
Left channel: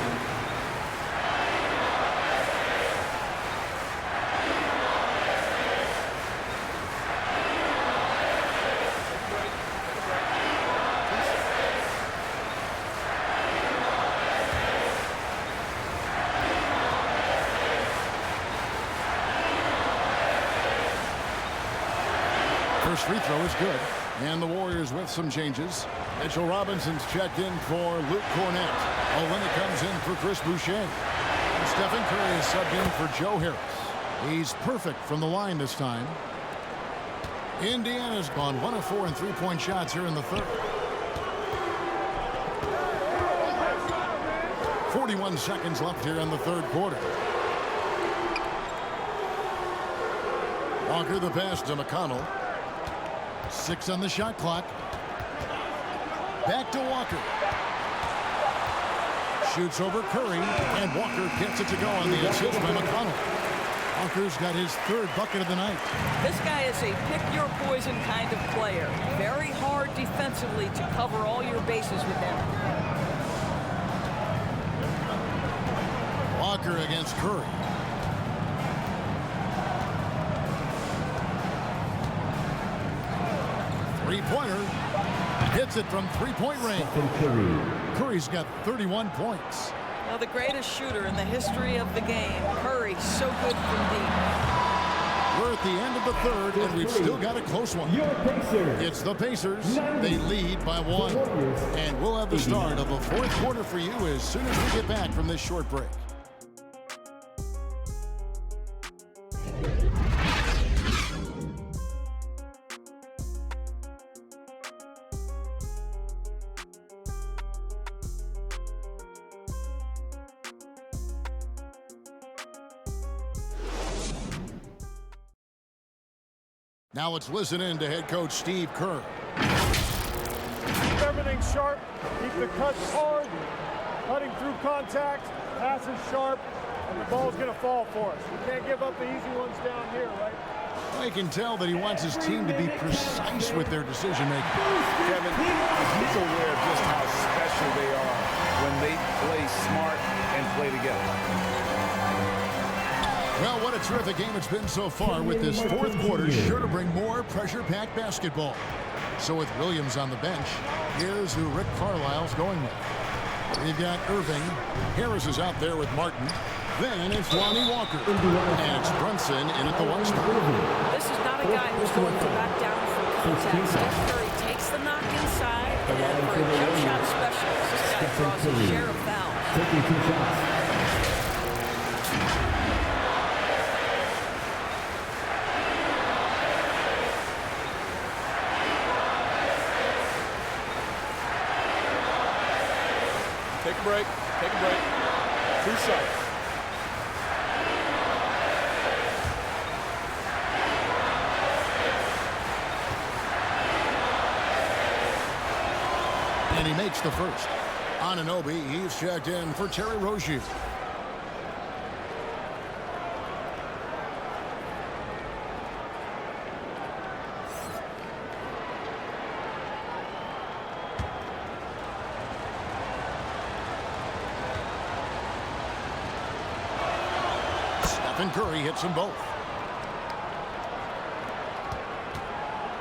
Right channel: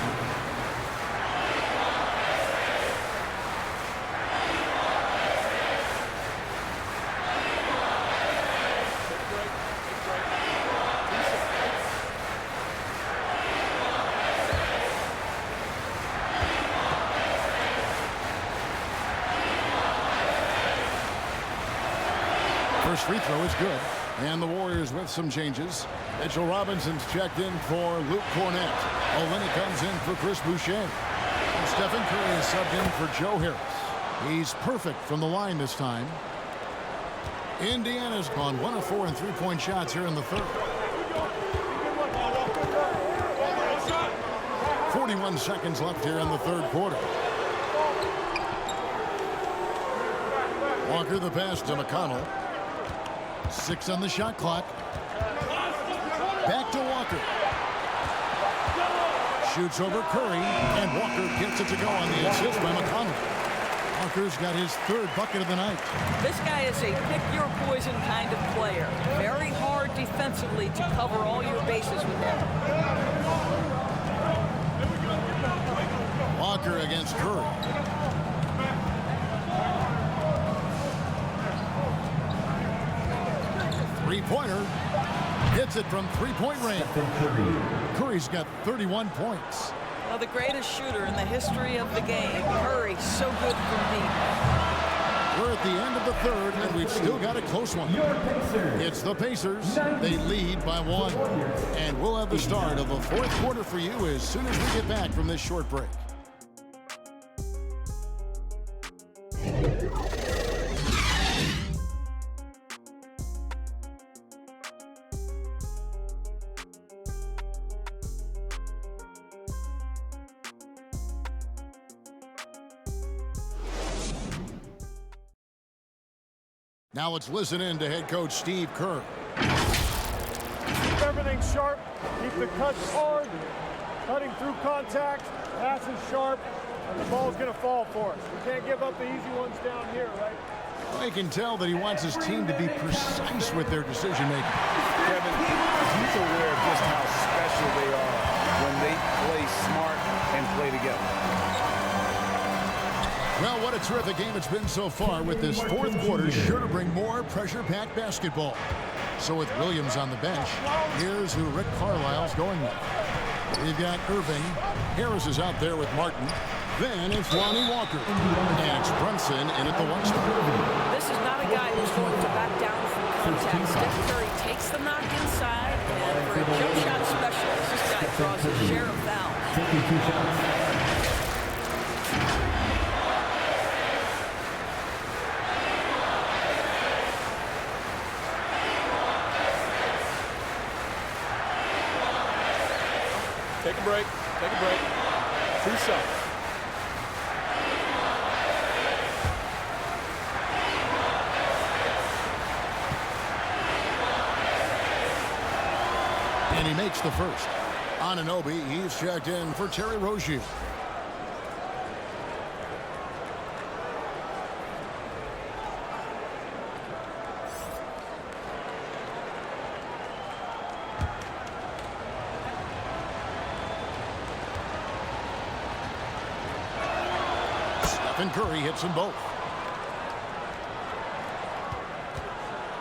First free throw is good. And the Warriors with some changes. Mitchell Robinson's checked in for Luke Cornette. Olynyk comes in for Chris Boucher. And Stephen Curry is subbed in for Joe Harris. He's perfect from the line this time. Indiana's gone 1 of 4 in three-point shots here in the 3rd. 41 seconds left here in the 3rd quarter. Walker the pass to McConnell. 6 on the shot clock. Back to Walker. Shoots over Curry, and Walker gets it to go on the assist by McConnell. Walker's got his third bucket of the night. This guy is a pick-your-poison kind of player. Very hard defensively to cover all your bases with him. Walker against Curry. Three-pointer. Hits it from three-point range. Curry's got 31 points. Well, the greatest shooter in the history of the game, Curry, so good from deep. We're at the end of the third, and we've still got a close one. Your Pacers. It's the Pacers. They lead by 1. And we'll have the start of the fourth quarter for you as soon as we get back from this short break. Now let's listen in to head coach Steve Kerr. Keep everything sharp. Keep the cuts hard. Cutting through contact. Passes sharp. And the ball's going to fall for us. We can't give up the easy ones down here, right? Well, you can tell that he wants his team to be precise with their decision-making. Kevin, he's aware of just how special they are when they play smart and play together. Well, what a terrific game it's been so far, with this fourth quarter sure to bring more pressure-packed basketball. So with Williams on the bench, here's who Rick Carlisle's going with. We've got Irving. Harris is out there with Martin. Then it's Lonnie Walker. And it's Brunson in at the 1 spot. This is not a guy who's going to back down from contact. Steph Curry takes the knock inside, and for a jump shot specialist, this guy draws his share of fouls. Taking 2 shots. Take a break. Take a break. 2 shots. And he makes the first. Anunoby, he's checked in for Terry Rozier. Stephen Curry hits them both.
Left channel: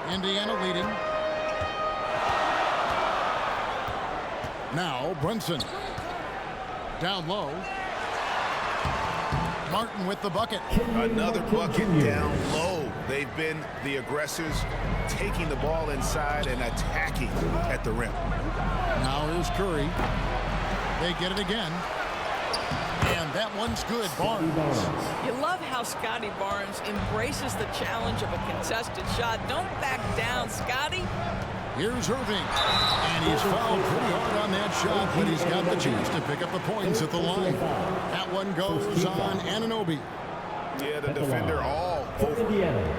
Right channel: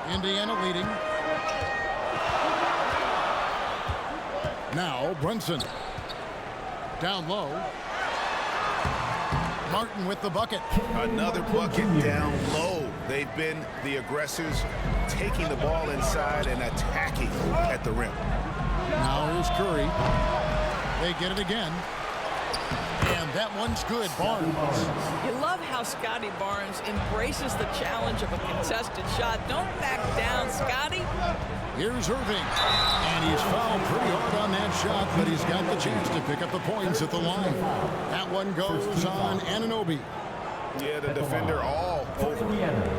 Indiana leading. Now Brunson. Down low. Martin with the bucket. Another bucket down low. They've been the aggressors, taking the ball inside and attacking at the rim. Now here's Curry. They get it again. And that one's good. Barnes. You love how Scotty Barnes embraces the challenge of a contested shot. Don't back down, Scotty. Here's Irving. And he's fouled pretty hard on that shot, but he's got the chance to pick up the points at the line. That one goes on Anunoby. Yeah, the defender all over. Indiana,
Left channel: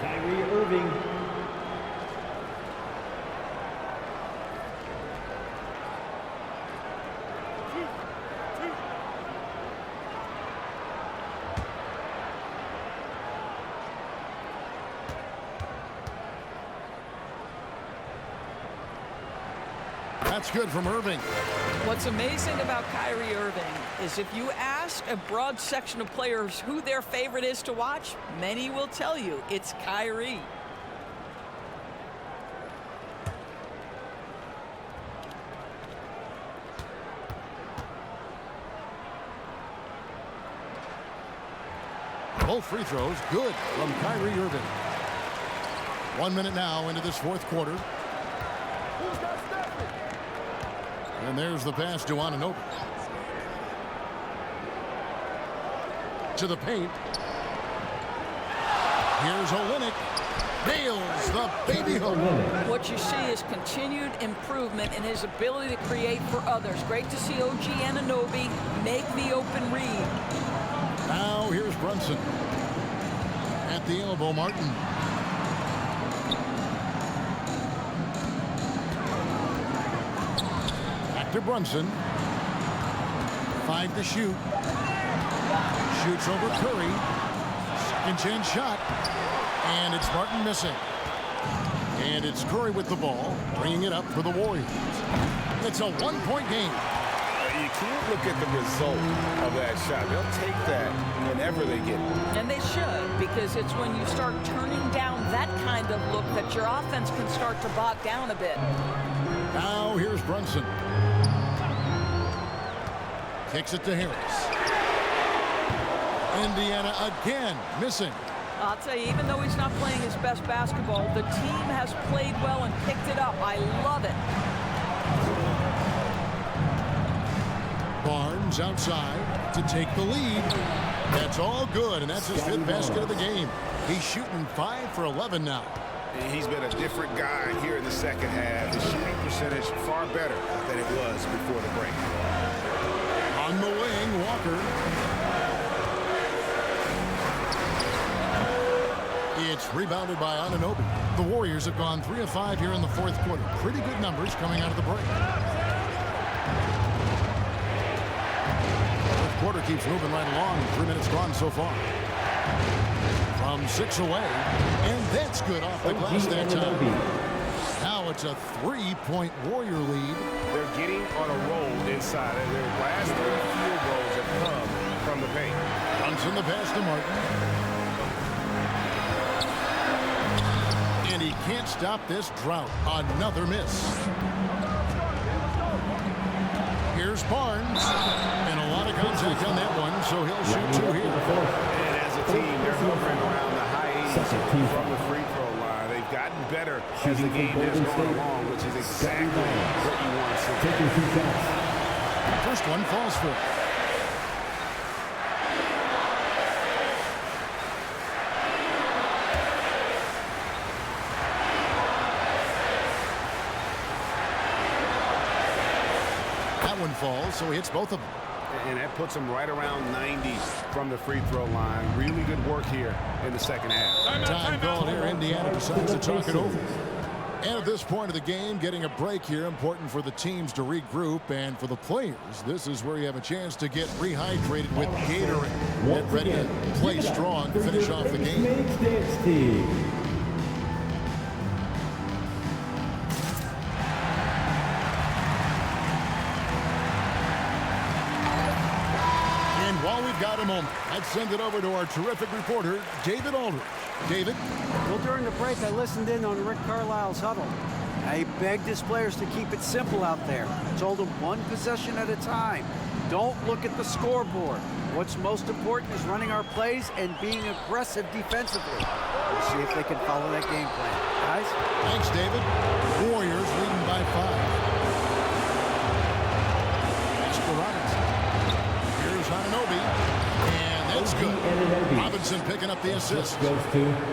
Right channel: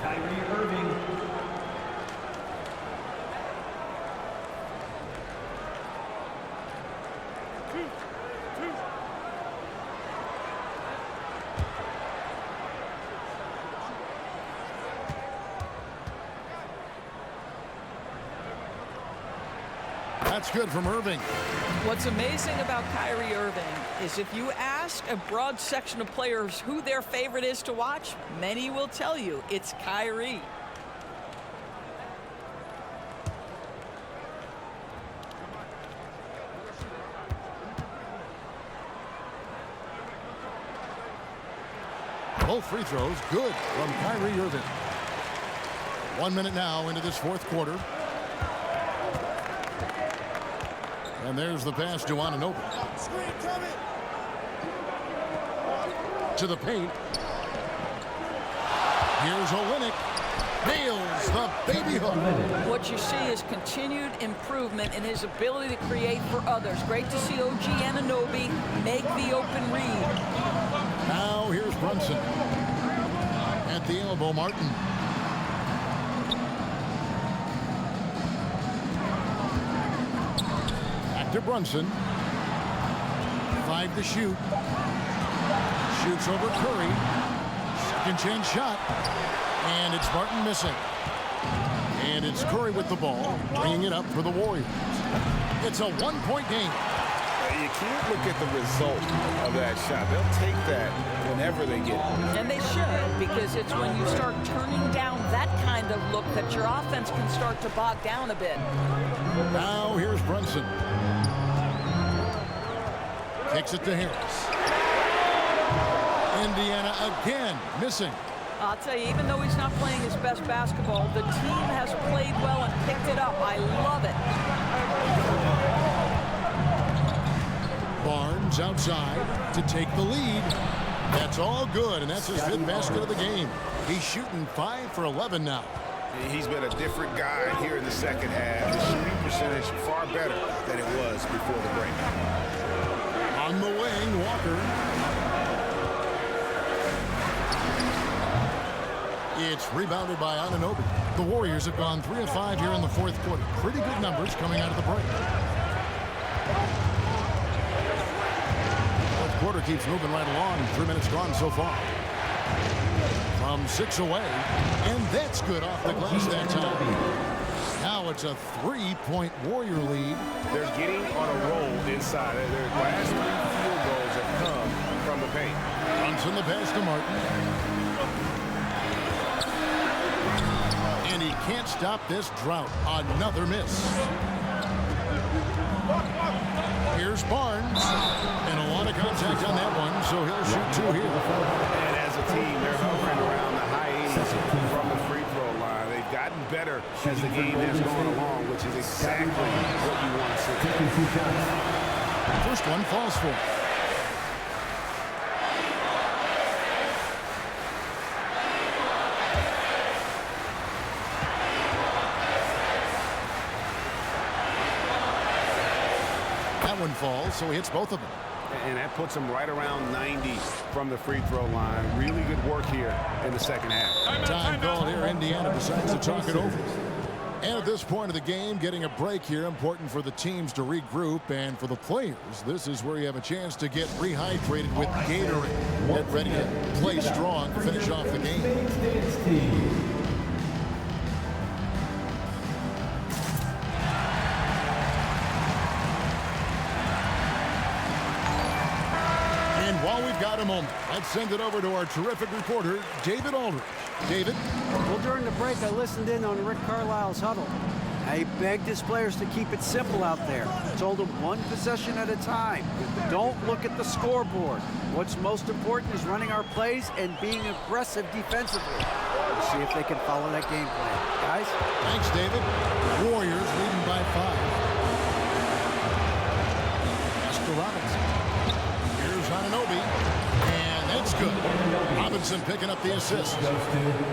Kyrie Irving. That's good from Irving. What's amazing about Kyrie Irving is if you ask a broad section of players who their favorite is to watch, many will tell you it's Kyrie. Both free throws good from Kyrie Irving. 1 minute now into this fourth quarter. And there's the pass to Anunoby. To the paint. Here's Olynyk. Nails the baby hook. What you see is continued improvement in his ability to create for others. Great to see OG Anunoby make the open read. Now here's Brunson. At the elbow, Martin. Back to Brunson. 5 to shoot. Shoots over Curry. Second chance shot. And it's Martin missing. And it's Curry with the ball, bringing it up for the Warriors. It's a one-point game. You can't look at the result of that shot. They'll take that whenever they get it. And they should, because it's when you start turning down that kind of look that your offense can start to bog down a bit. Now here's Brunson. Kicks it to Harris. Indiana again missing. I'll tell you, even though he's not playing his best basketball, the team has played well and picked it up. I love it. Barnes outside to take the lead. That's all good, and that's his 5th basket of the game. He's shooting 5 for 11 now. He's been a different guy here in the second half. His shooting percentage far better than it was before the break. On the wing, Walker. It's rebounded by Anunoby. The Warriors have gone 3 of 5 here in the 4th quarter. Pretty good numbers coming out of the break. 4th quarter keeps moving right along. 3 minutes gone so far. From 6 away, and that's good off the glass that time. Now it's a 3-point Warrior lead. They're getting on a roll inside. Their last 3 field goals have come from the paint. Brunson the pass to Martin. And he can't stop this drought. Another miss. Here's Barnes. And a lot of contact on that one, so he'll shoot 2 here. And as a team, they're hovering around the high 80s from the free throw line. They've gotten better as the game has gone along, which is exactly what you want to see. First one falls for. That one falls, so he hits both of them. And that puts him right around 90 from the free throw line. Really good work here in the second half. Time called here. Indiana decides to talk it over. And at this point of the game, getting a break here, important for the teams to regroup, and for the players, this is where you have a chance to get rehydrated with Gatorade. Get ready to play strong to finish off the game. And while we've got a moment, let's send it over to our terrific reporter, David Aldridge. David? Well, during the break, I listened in on Rick Carlisle's huddle. He begged his players to keep it simple out there. Told them one possession at a time. Don't look at the scoreboard. What's most important is running our plays and being aggressive defensively. We'll see if they can follow that game plan. Guys? Thanks, David. Warriors leading by 5. Pass to Robinson. Here's Anunoby, and that's good. Robinson picking up the assist.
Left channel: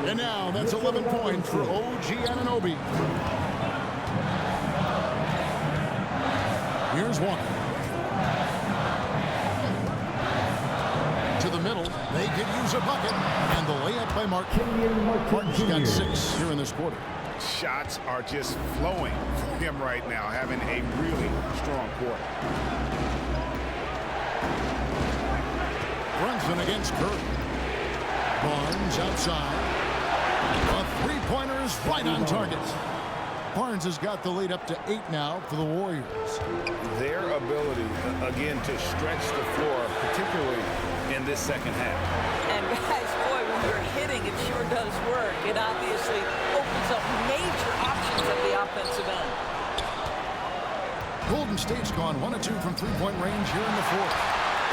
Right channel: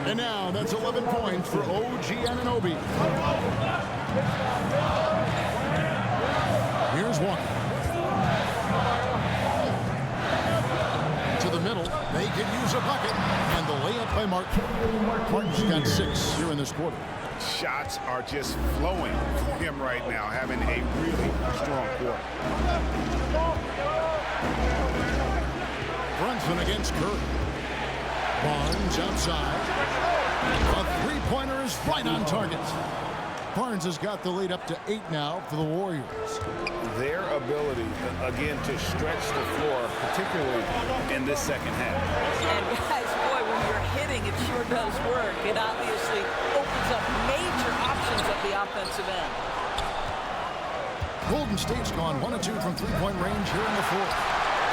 And now that's 11 points for OG Anunoby. Here's Walker. To the middle, they could use a bucket, and the layup by Martin. Martin's got 6 here in this quarter. Shots are just flowing for him right now, having a really strong quarter. Brunson against Curry. Barnes outside. A three-pointer is right on target. Barnes has got the lead up to 8 now for the Warriors. Their ability, again, to stretch the floor, particularly in this second half. And guys, boy, when you're hitting, it sure does work. It obviously opens up major options at the offensive end. Golden State's gone 1 of 2 from three-point range here in the 4th.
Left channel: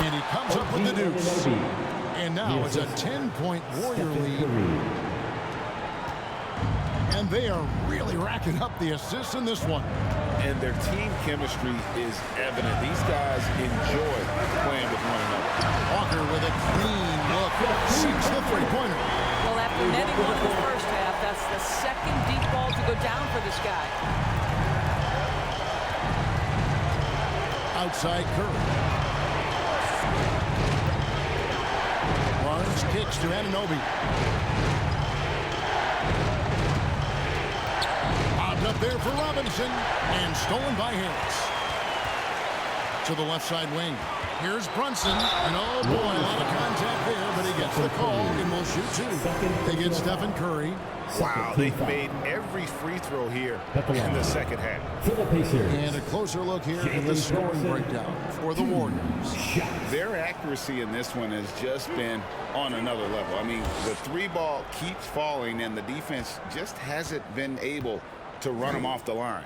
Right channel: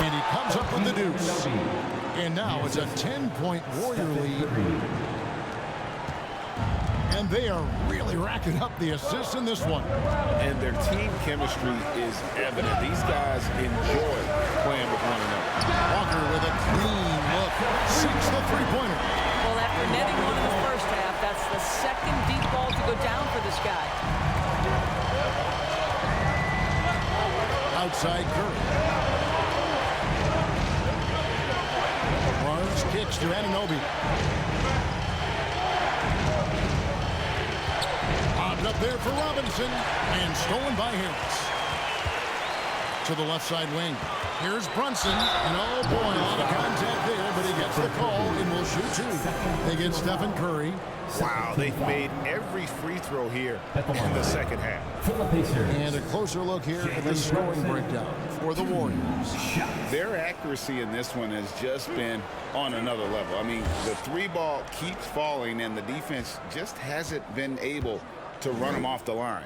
And he comes up with the deuce. And now it's a 10-point Warrior lead. And they are really racking up the assists in this one. And their team chemistry is evident. These guys enjoy playing with one another. Walker with a clean look. Sinks the three-pointer. Well, after netting one in the first half, that's the second deep ball to go down for this guy. Outside Curry. Barnes kicks to Anunoby. Lobbed up there for Robinson, and stolen by Harris. To the left side wing. Here's Brunson, and oh boy, a lot of contact there, but he gets the call and will shoot two. They get Stephen Curry. Wow, they've made every free throw here in the second half. And a closer look here at the scoring breakdown for the Warriors. Their accuracy in this one has just been on another level. I mean, the three ball keeps falling, and the defense just hasn't been able to run them off the line.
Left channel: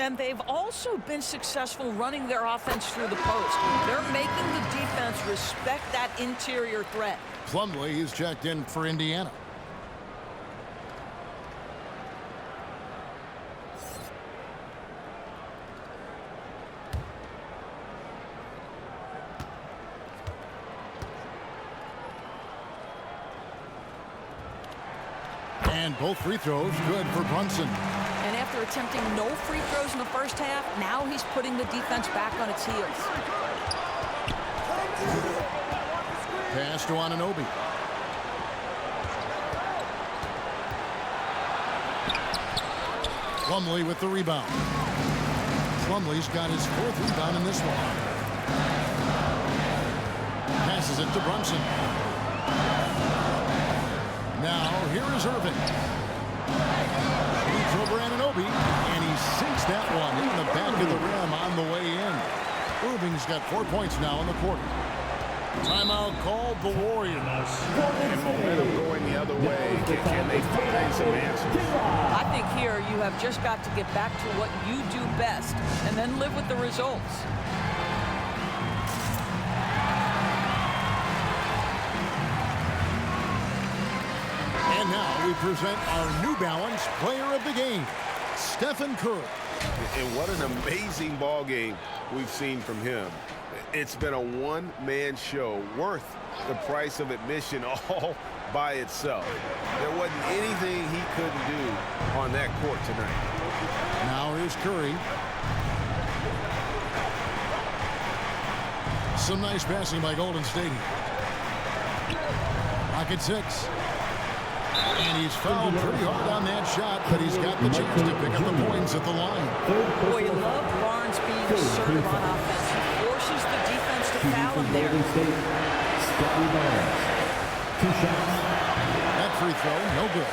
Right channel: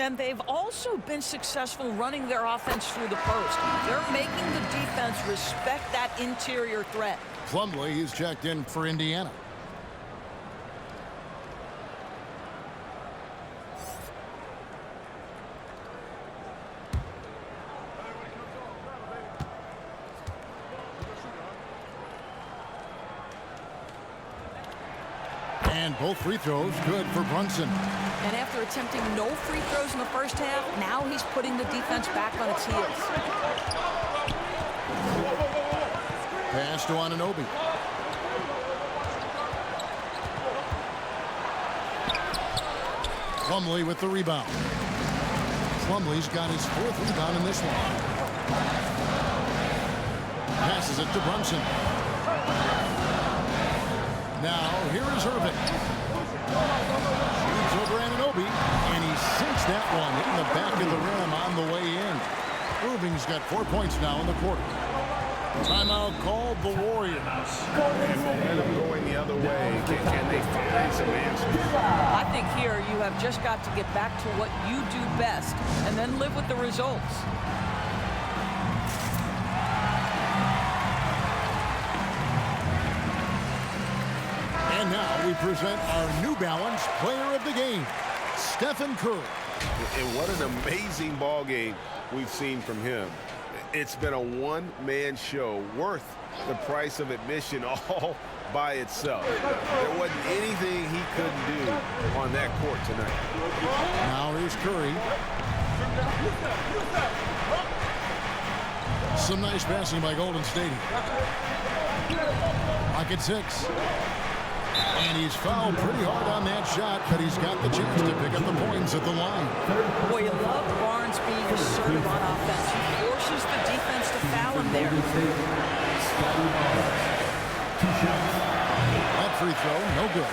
And they've also been successful running their offense through the post. They're making the defense respect that interior threat. Plumlee is checked in for Indiana. And both free throws good for Brunson. And after attempting no free throws in the first half, now he's putting the defense back on its heels. Pass to Anunoby. Plumlee with the rebound. Plumlee's got his fourth rebound in this one. Passes it to Brunson. Now, here is Irving. Shoots over Anunoby, and he sinks that one in the back of the rim on the way in. Irving's got 4 points now in the quarter. Timeout called the Warriors. And momentum going the other way. Can they find some answers? I think here you have just got to get back to what you do best and then live with the results. And now we present our New Balance Player of the Game, Stephen Curry. And what an amazing ball game we've seen from him. It's been a one-man show worth the price of admission all by itself. There wasn't anything he couldn't do on that court tonight. Now here's Curry. Some nice passing by Golden State. Rocket 6. And he's fouled pretty hard on that shot, but he's got the chance to pick up the points at the line. Boy, you love Barnes being assertive on offense. He forces the defense to foul him there. That free throw, no good.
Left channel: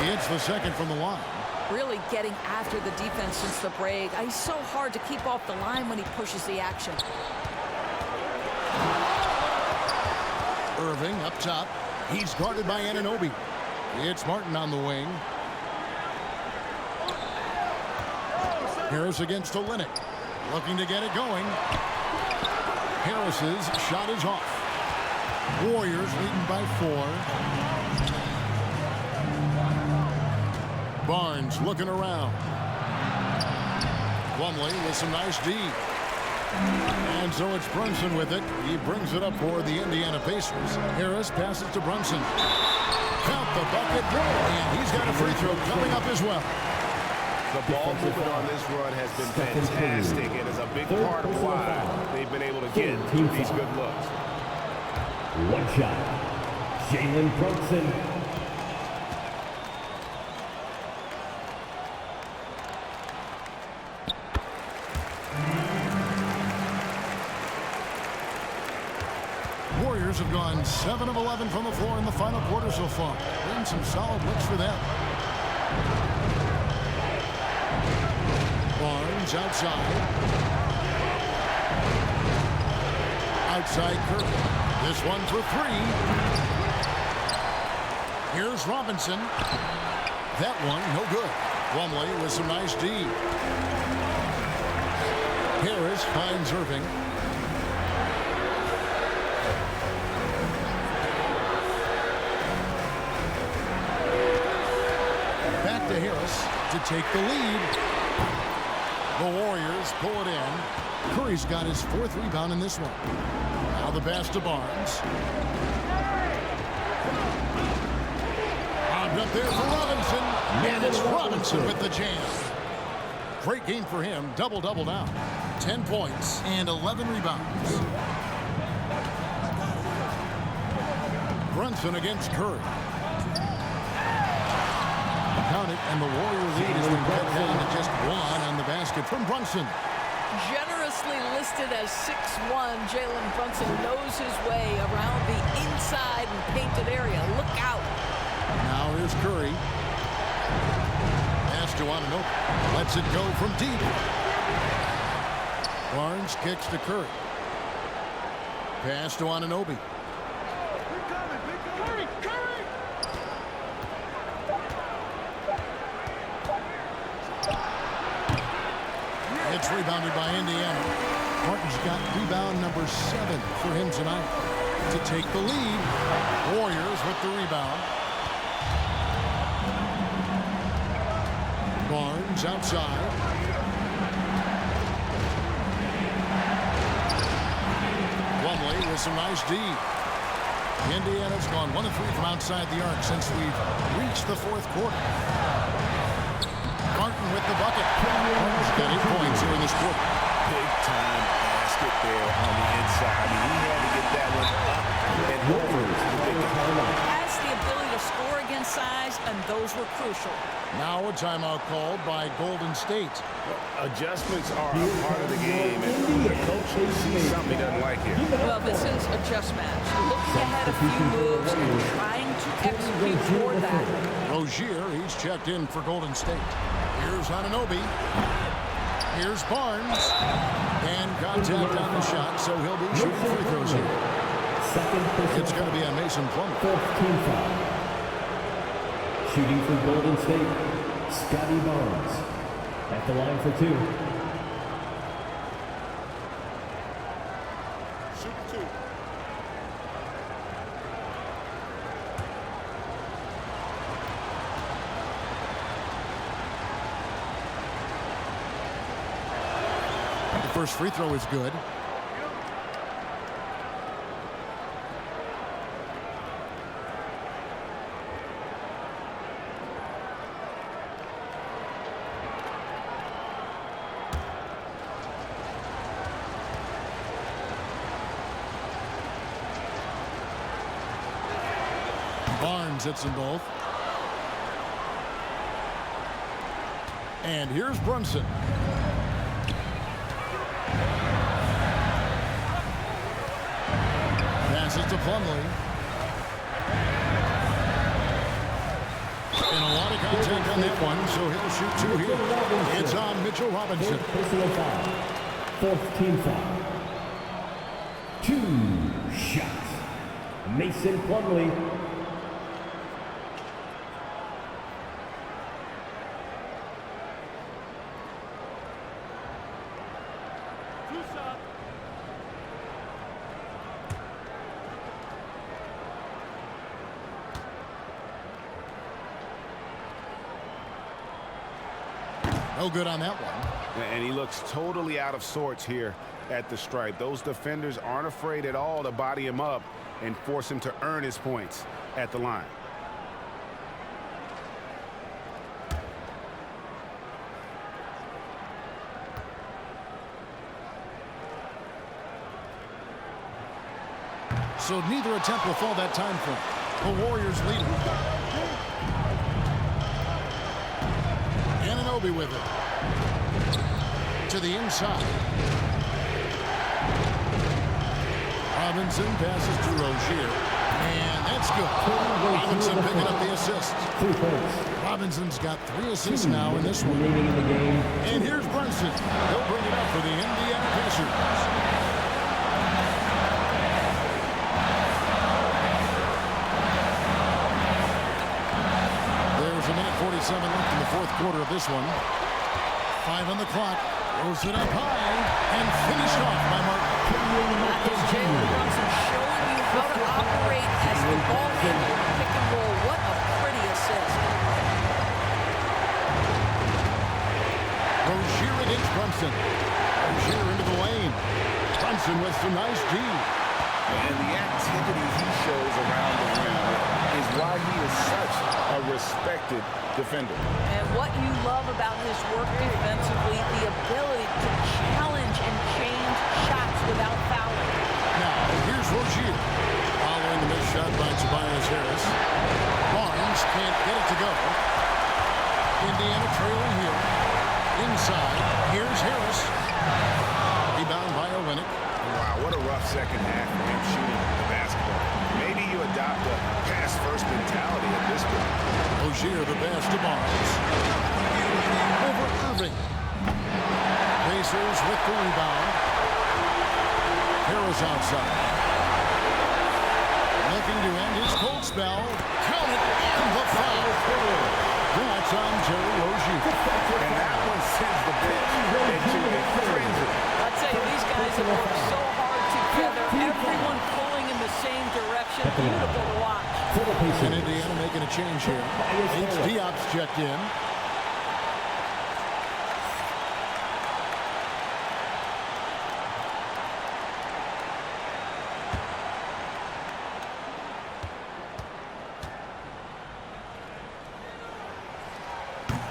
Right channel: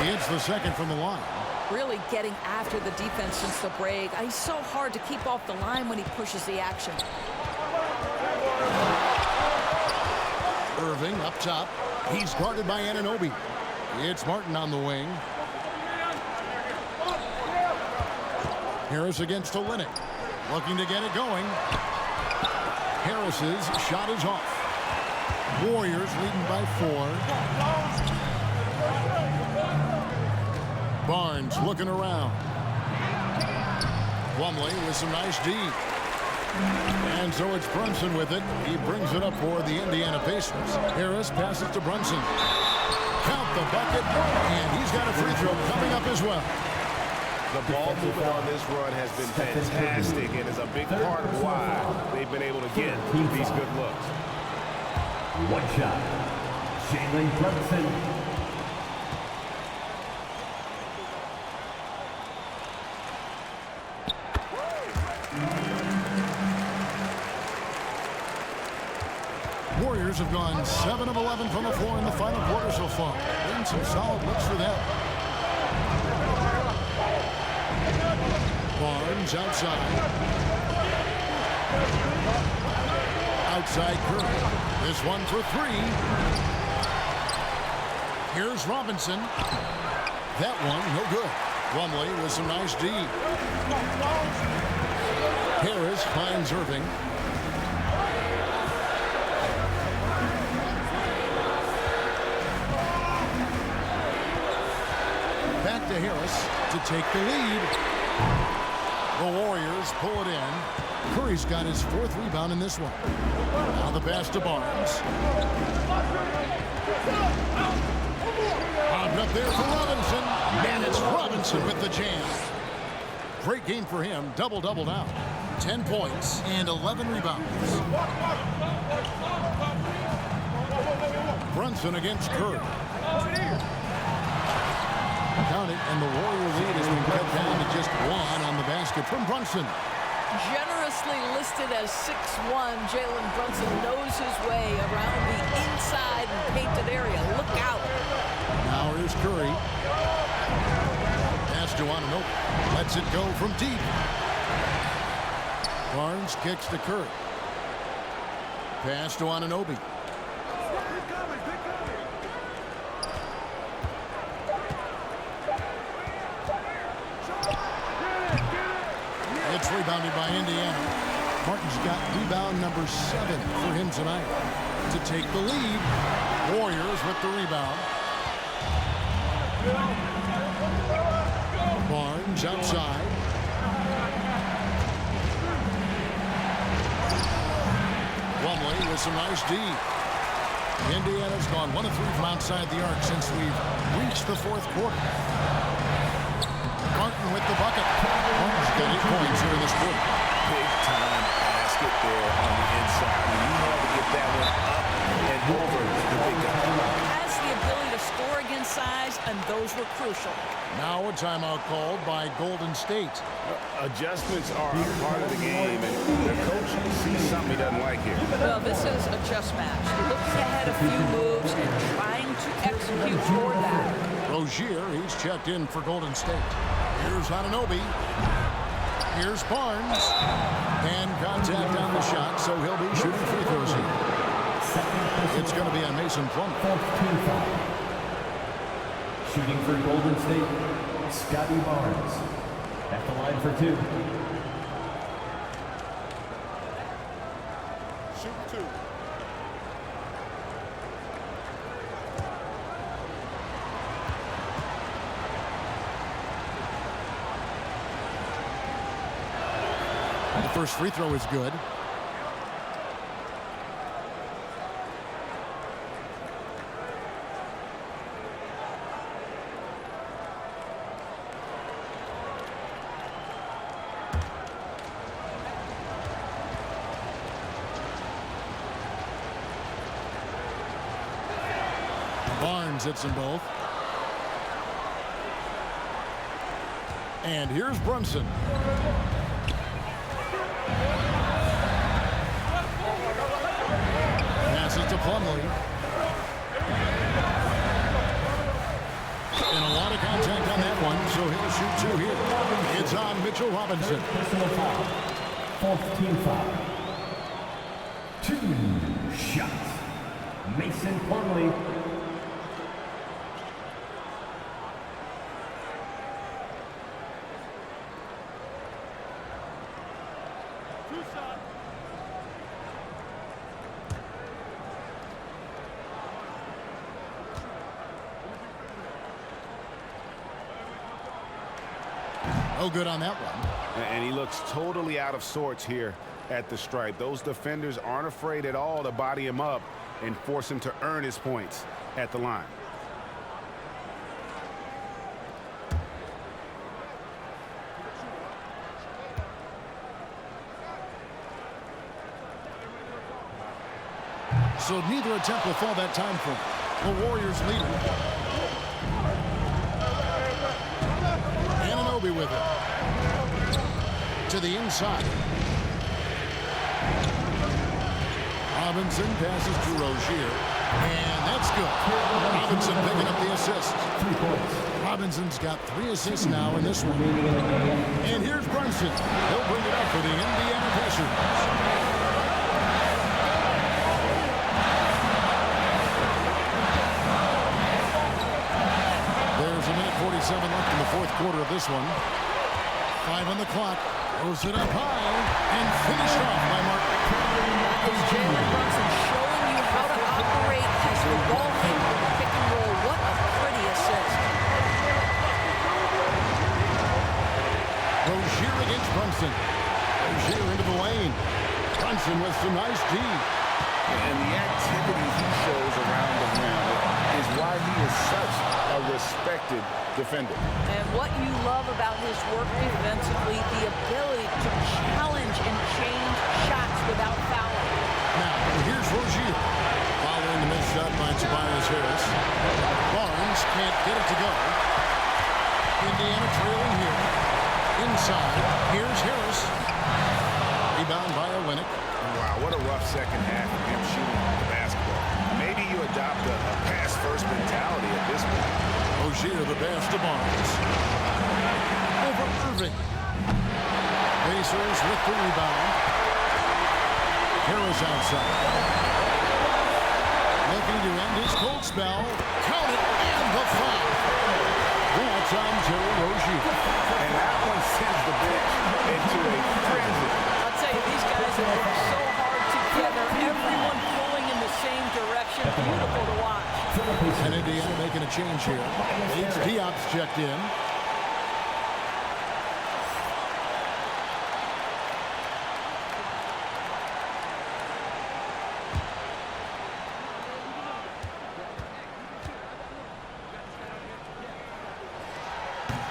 He hits the second from the line. Really getting after the defense since the break. He's so hard to keep off the line when he pushes the action. Irving up top. He's guarded by Anunoby. It's Martin on the wing. Harris against Olynyk. Looking to get it going. Harris's shot is off. Warriors leading by 4. Barnes looking around. Plumlee with some nice D. And so it's Brunson with it. He brings it up for the Indiana Pacers. Harris passes to Brunson. Count the bucket. And he's got a free throw coming up as well. The ball movement on this run has been fantastic and is a big part of why they've been able to get these good looks. One shot. Jalen Brunson. Warriors have gone 7 of 11 from the floor in the final quarter so far. Been some solid looks for them. Barnes outside. Outside Curry. This one for 3. Here's Robinson. That one no good. Plumlee with some nice D. Harris finds Irving. Back to Harris to take the lead. The Warriors pull it in. Curry's got his 4th rebound in this one. Now the pass to Barnes. Bobbed up there for Robinson. And it's Robinson with the jam. Great game for him. Double-double now. 10 points and 11 rebounds. Brunson against Curry. Count it, and the Warrior lead has been cut down to just 1 on the basket from Brunson. Generously listed as 6'1", Jalen Brunson knows his way around the inside and painted area. Look out. Now here's Curry. Pass to Anunoby. Lets it go from deep. Barnes kicks to Curry. Pass to Anunoby. It's rebounded by Indiana. Martin's got rebound number 7 for him tonight to take the lead. Warriors with the rebound. Barnes outside. Plumlee with some nice D. Indiana's gone 1 of 3 from outside the arc since we've reached the 4th quarter. Martin with the bucket. Martin's got 8 points here in this quarter. Big time basket there on the inside. I mean, he had to get that one up and over the big guy. Has the ability to score against size, and those were crucial. Now a timeout called by Golden State. Adjustments are a part of the game, and the coach sees something he doesn't like here. Well, this is a chess match. Looking ahead a few moves and trying to execute toward that. Rozier, he's checked in for Golden State. Here's Anunoby. Here's Barnes. And contact on the shot, so he'll be shooting free throws here. It's going to be on Mason Plumlee. 14 foul. Shooting for Golden State, Scotty Barnes. At the line for 2. Shoot 2. The first free throw is good. Barnes hits them both. And here's Brunson. Passes to Plumlee. And a lot of contact on that one, so he'll shoot 2 here. It's on Mitchell Robinson. Personal foul. 4th team foul. 2 shots. Mason Plumlee. No good on that one. And he looks totally out of sorts here at the stripe. Those defenders aren't afraid at all to body him up and force him to earn his points at the line. So neither attempt will fall that time for him. The Warriors lead it. Anunoby with it. To the inside. Robinson passes to Rozier. And that's good. Robinson picking up the assist. 3 points. Robinson's got 3 assists now in this one. Remaining in the game. And here's Brunson. He'll bring it up for the Indiana Pacers. There's a minute 47 left in the 4th quarter of this one. 5 on the clock. Throws it up high and finished off by Martin. That is Jalen Brunson showing you how to operate as the ball handler in pick and roll. What a pretty assist. Rozier against Brunson. Rozier into the lane. Brunson with some nice D. And the activity he shows around the rim is why he is such a respected defender. And what you love about his work defensively, the ability to challenge and change shots without fouling. Now, here's Rozier. Following the missed shot by Tobias Harris. Barnes can't get it to go. Indiana trailing here. Inside, here's Harris. Rebound by Olynyk. Wow, what a rough second half for him shooting the basketball. Maybe you adopt a pass-first mentality at this point. Rozier the pass to Barnes. Over Irving. Pacers with the rebound. Harris outside. Looking to end his cold spell. Count it, and the foul. That's on Terry Rozier. And that one sends the bench into a frenzy. I'll tell you, these guys have worked so hard together. Everyone pulling in the same direction. Beautiful to watch. And Indiana making a change here. H. Diop's checked in.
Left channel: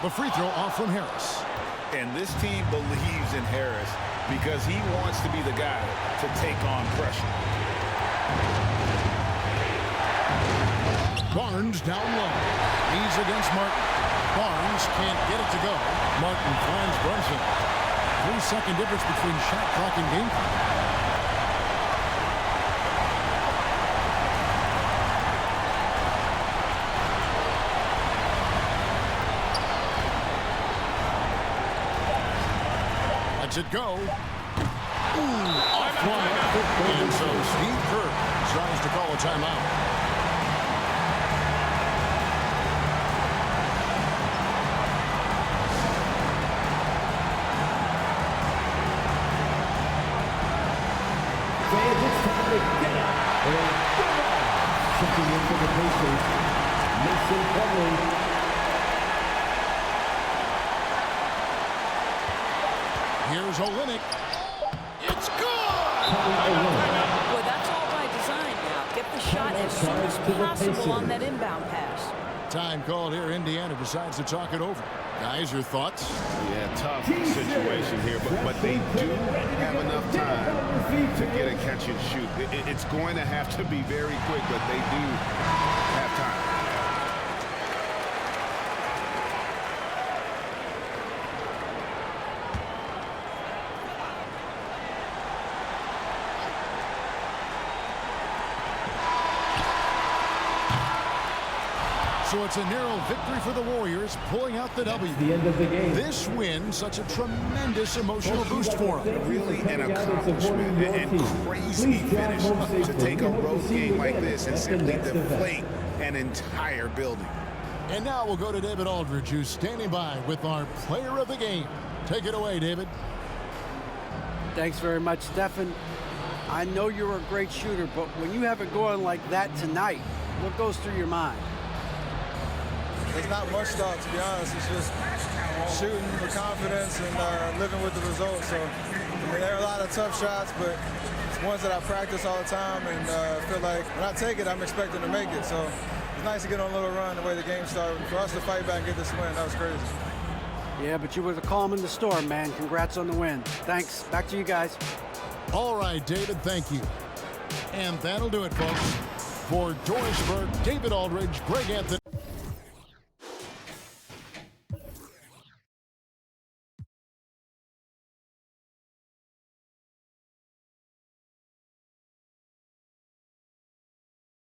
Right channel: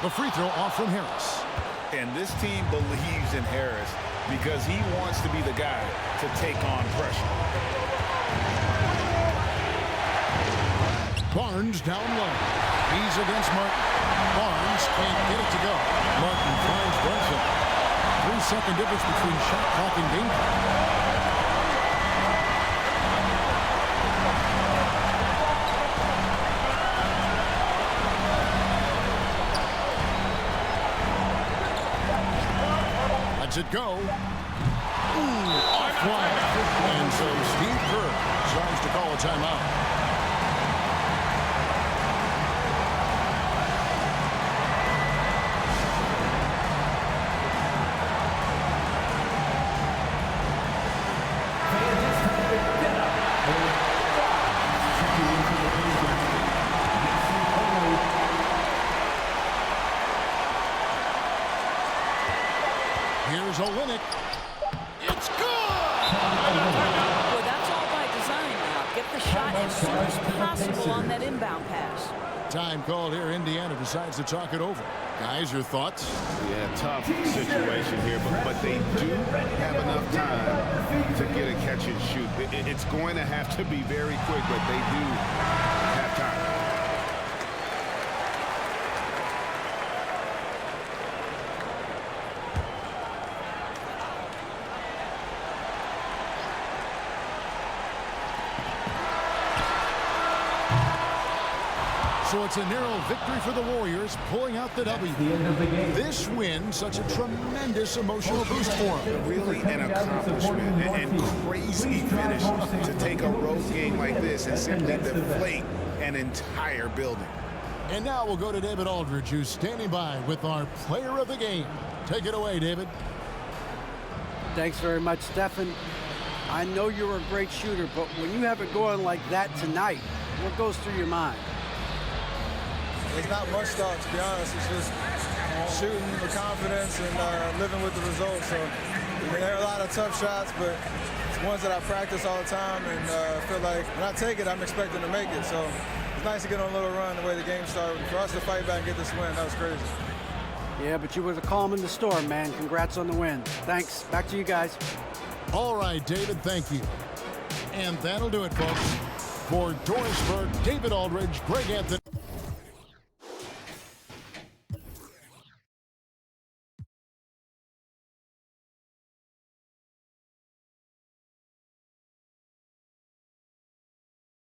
The free throw off from Harris. And this team believes in Harris because he wants to be the guy to take on pressure. Barnes down low. He's against Martin. Barnes can't get it to go. Martin finds Brunson. 3-second difference between shot clock and game clock. Lets it go. Ooh, offline. And so Steve Kerr decides to call a timeout. Fans, it's time to get up and get wild. Checking in for the Pacers, Mason Plumlee. Here's Olynyk. It's good! Well, that's all by design now. Get the shot as soon as possible on that inbound pass. Time called here. Indiana decides to talk it over. Guys, your thoughts? Yeah, tough situation here, but they do have enough time to get a catch and shoot. It's going to have to be very quick, but they do have time. So it's a narrow victory for the Warriors, pulling out the W. The end of the game. This win, such a tremendous emotional boost for them. Really an accomplishment and crazy finish to take a road game like this and simply deflate an entire building. And now we'll go to David Aldridge, who's standing by with our player of the game. Take it away, David. Thanks very much, Stephen. I know you're a great shooter, but when you have it going like that tonight, what goes through your mind? There's not much thought, to be honest. It's just shooting with confidence and living with the results. So I mean, there are a lot of tough shots, but it's ones that I practice all the time, and I feel like when I take it, I'm expecting to make it. So it's nice to get on a little run the way the game started. For us to fight back and get this win, that was crazy. Yeah, but you were the calm in the storm, man. Congrats on the win. Thanks. Back to you guys. All right, David, thank you. And that'll do it, folks. For Doris Burke, David Aldridge, Greg Anthony.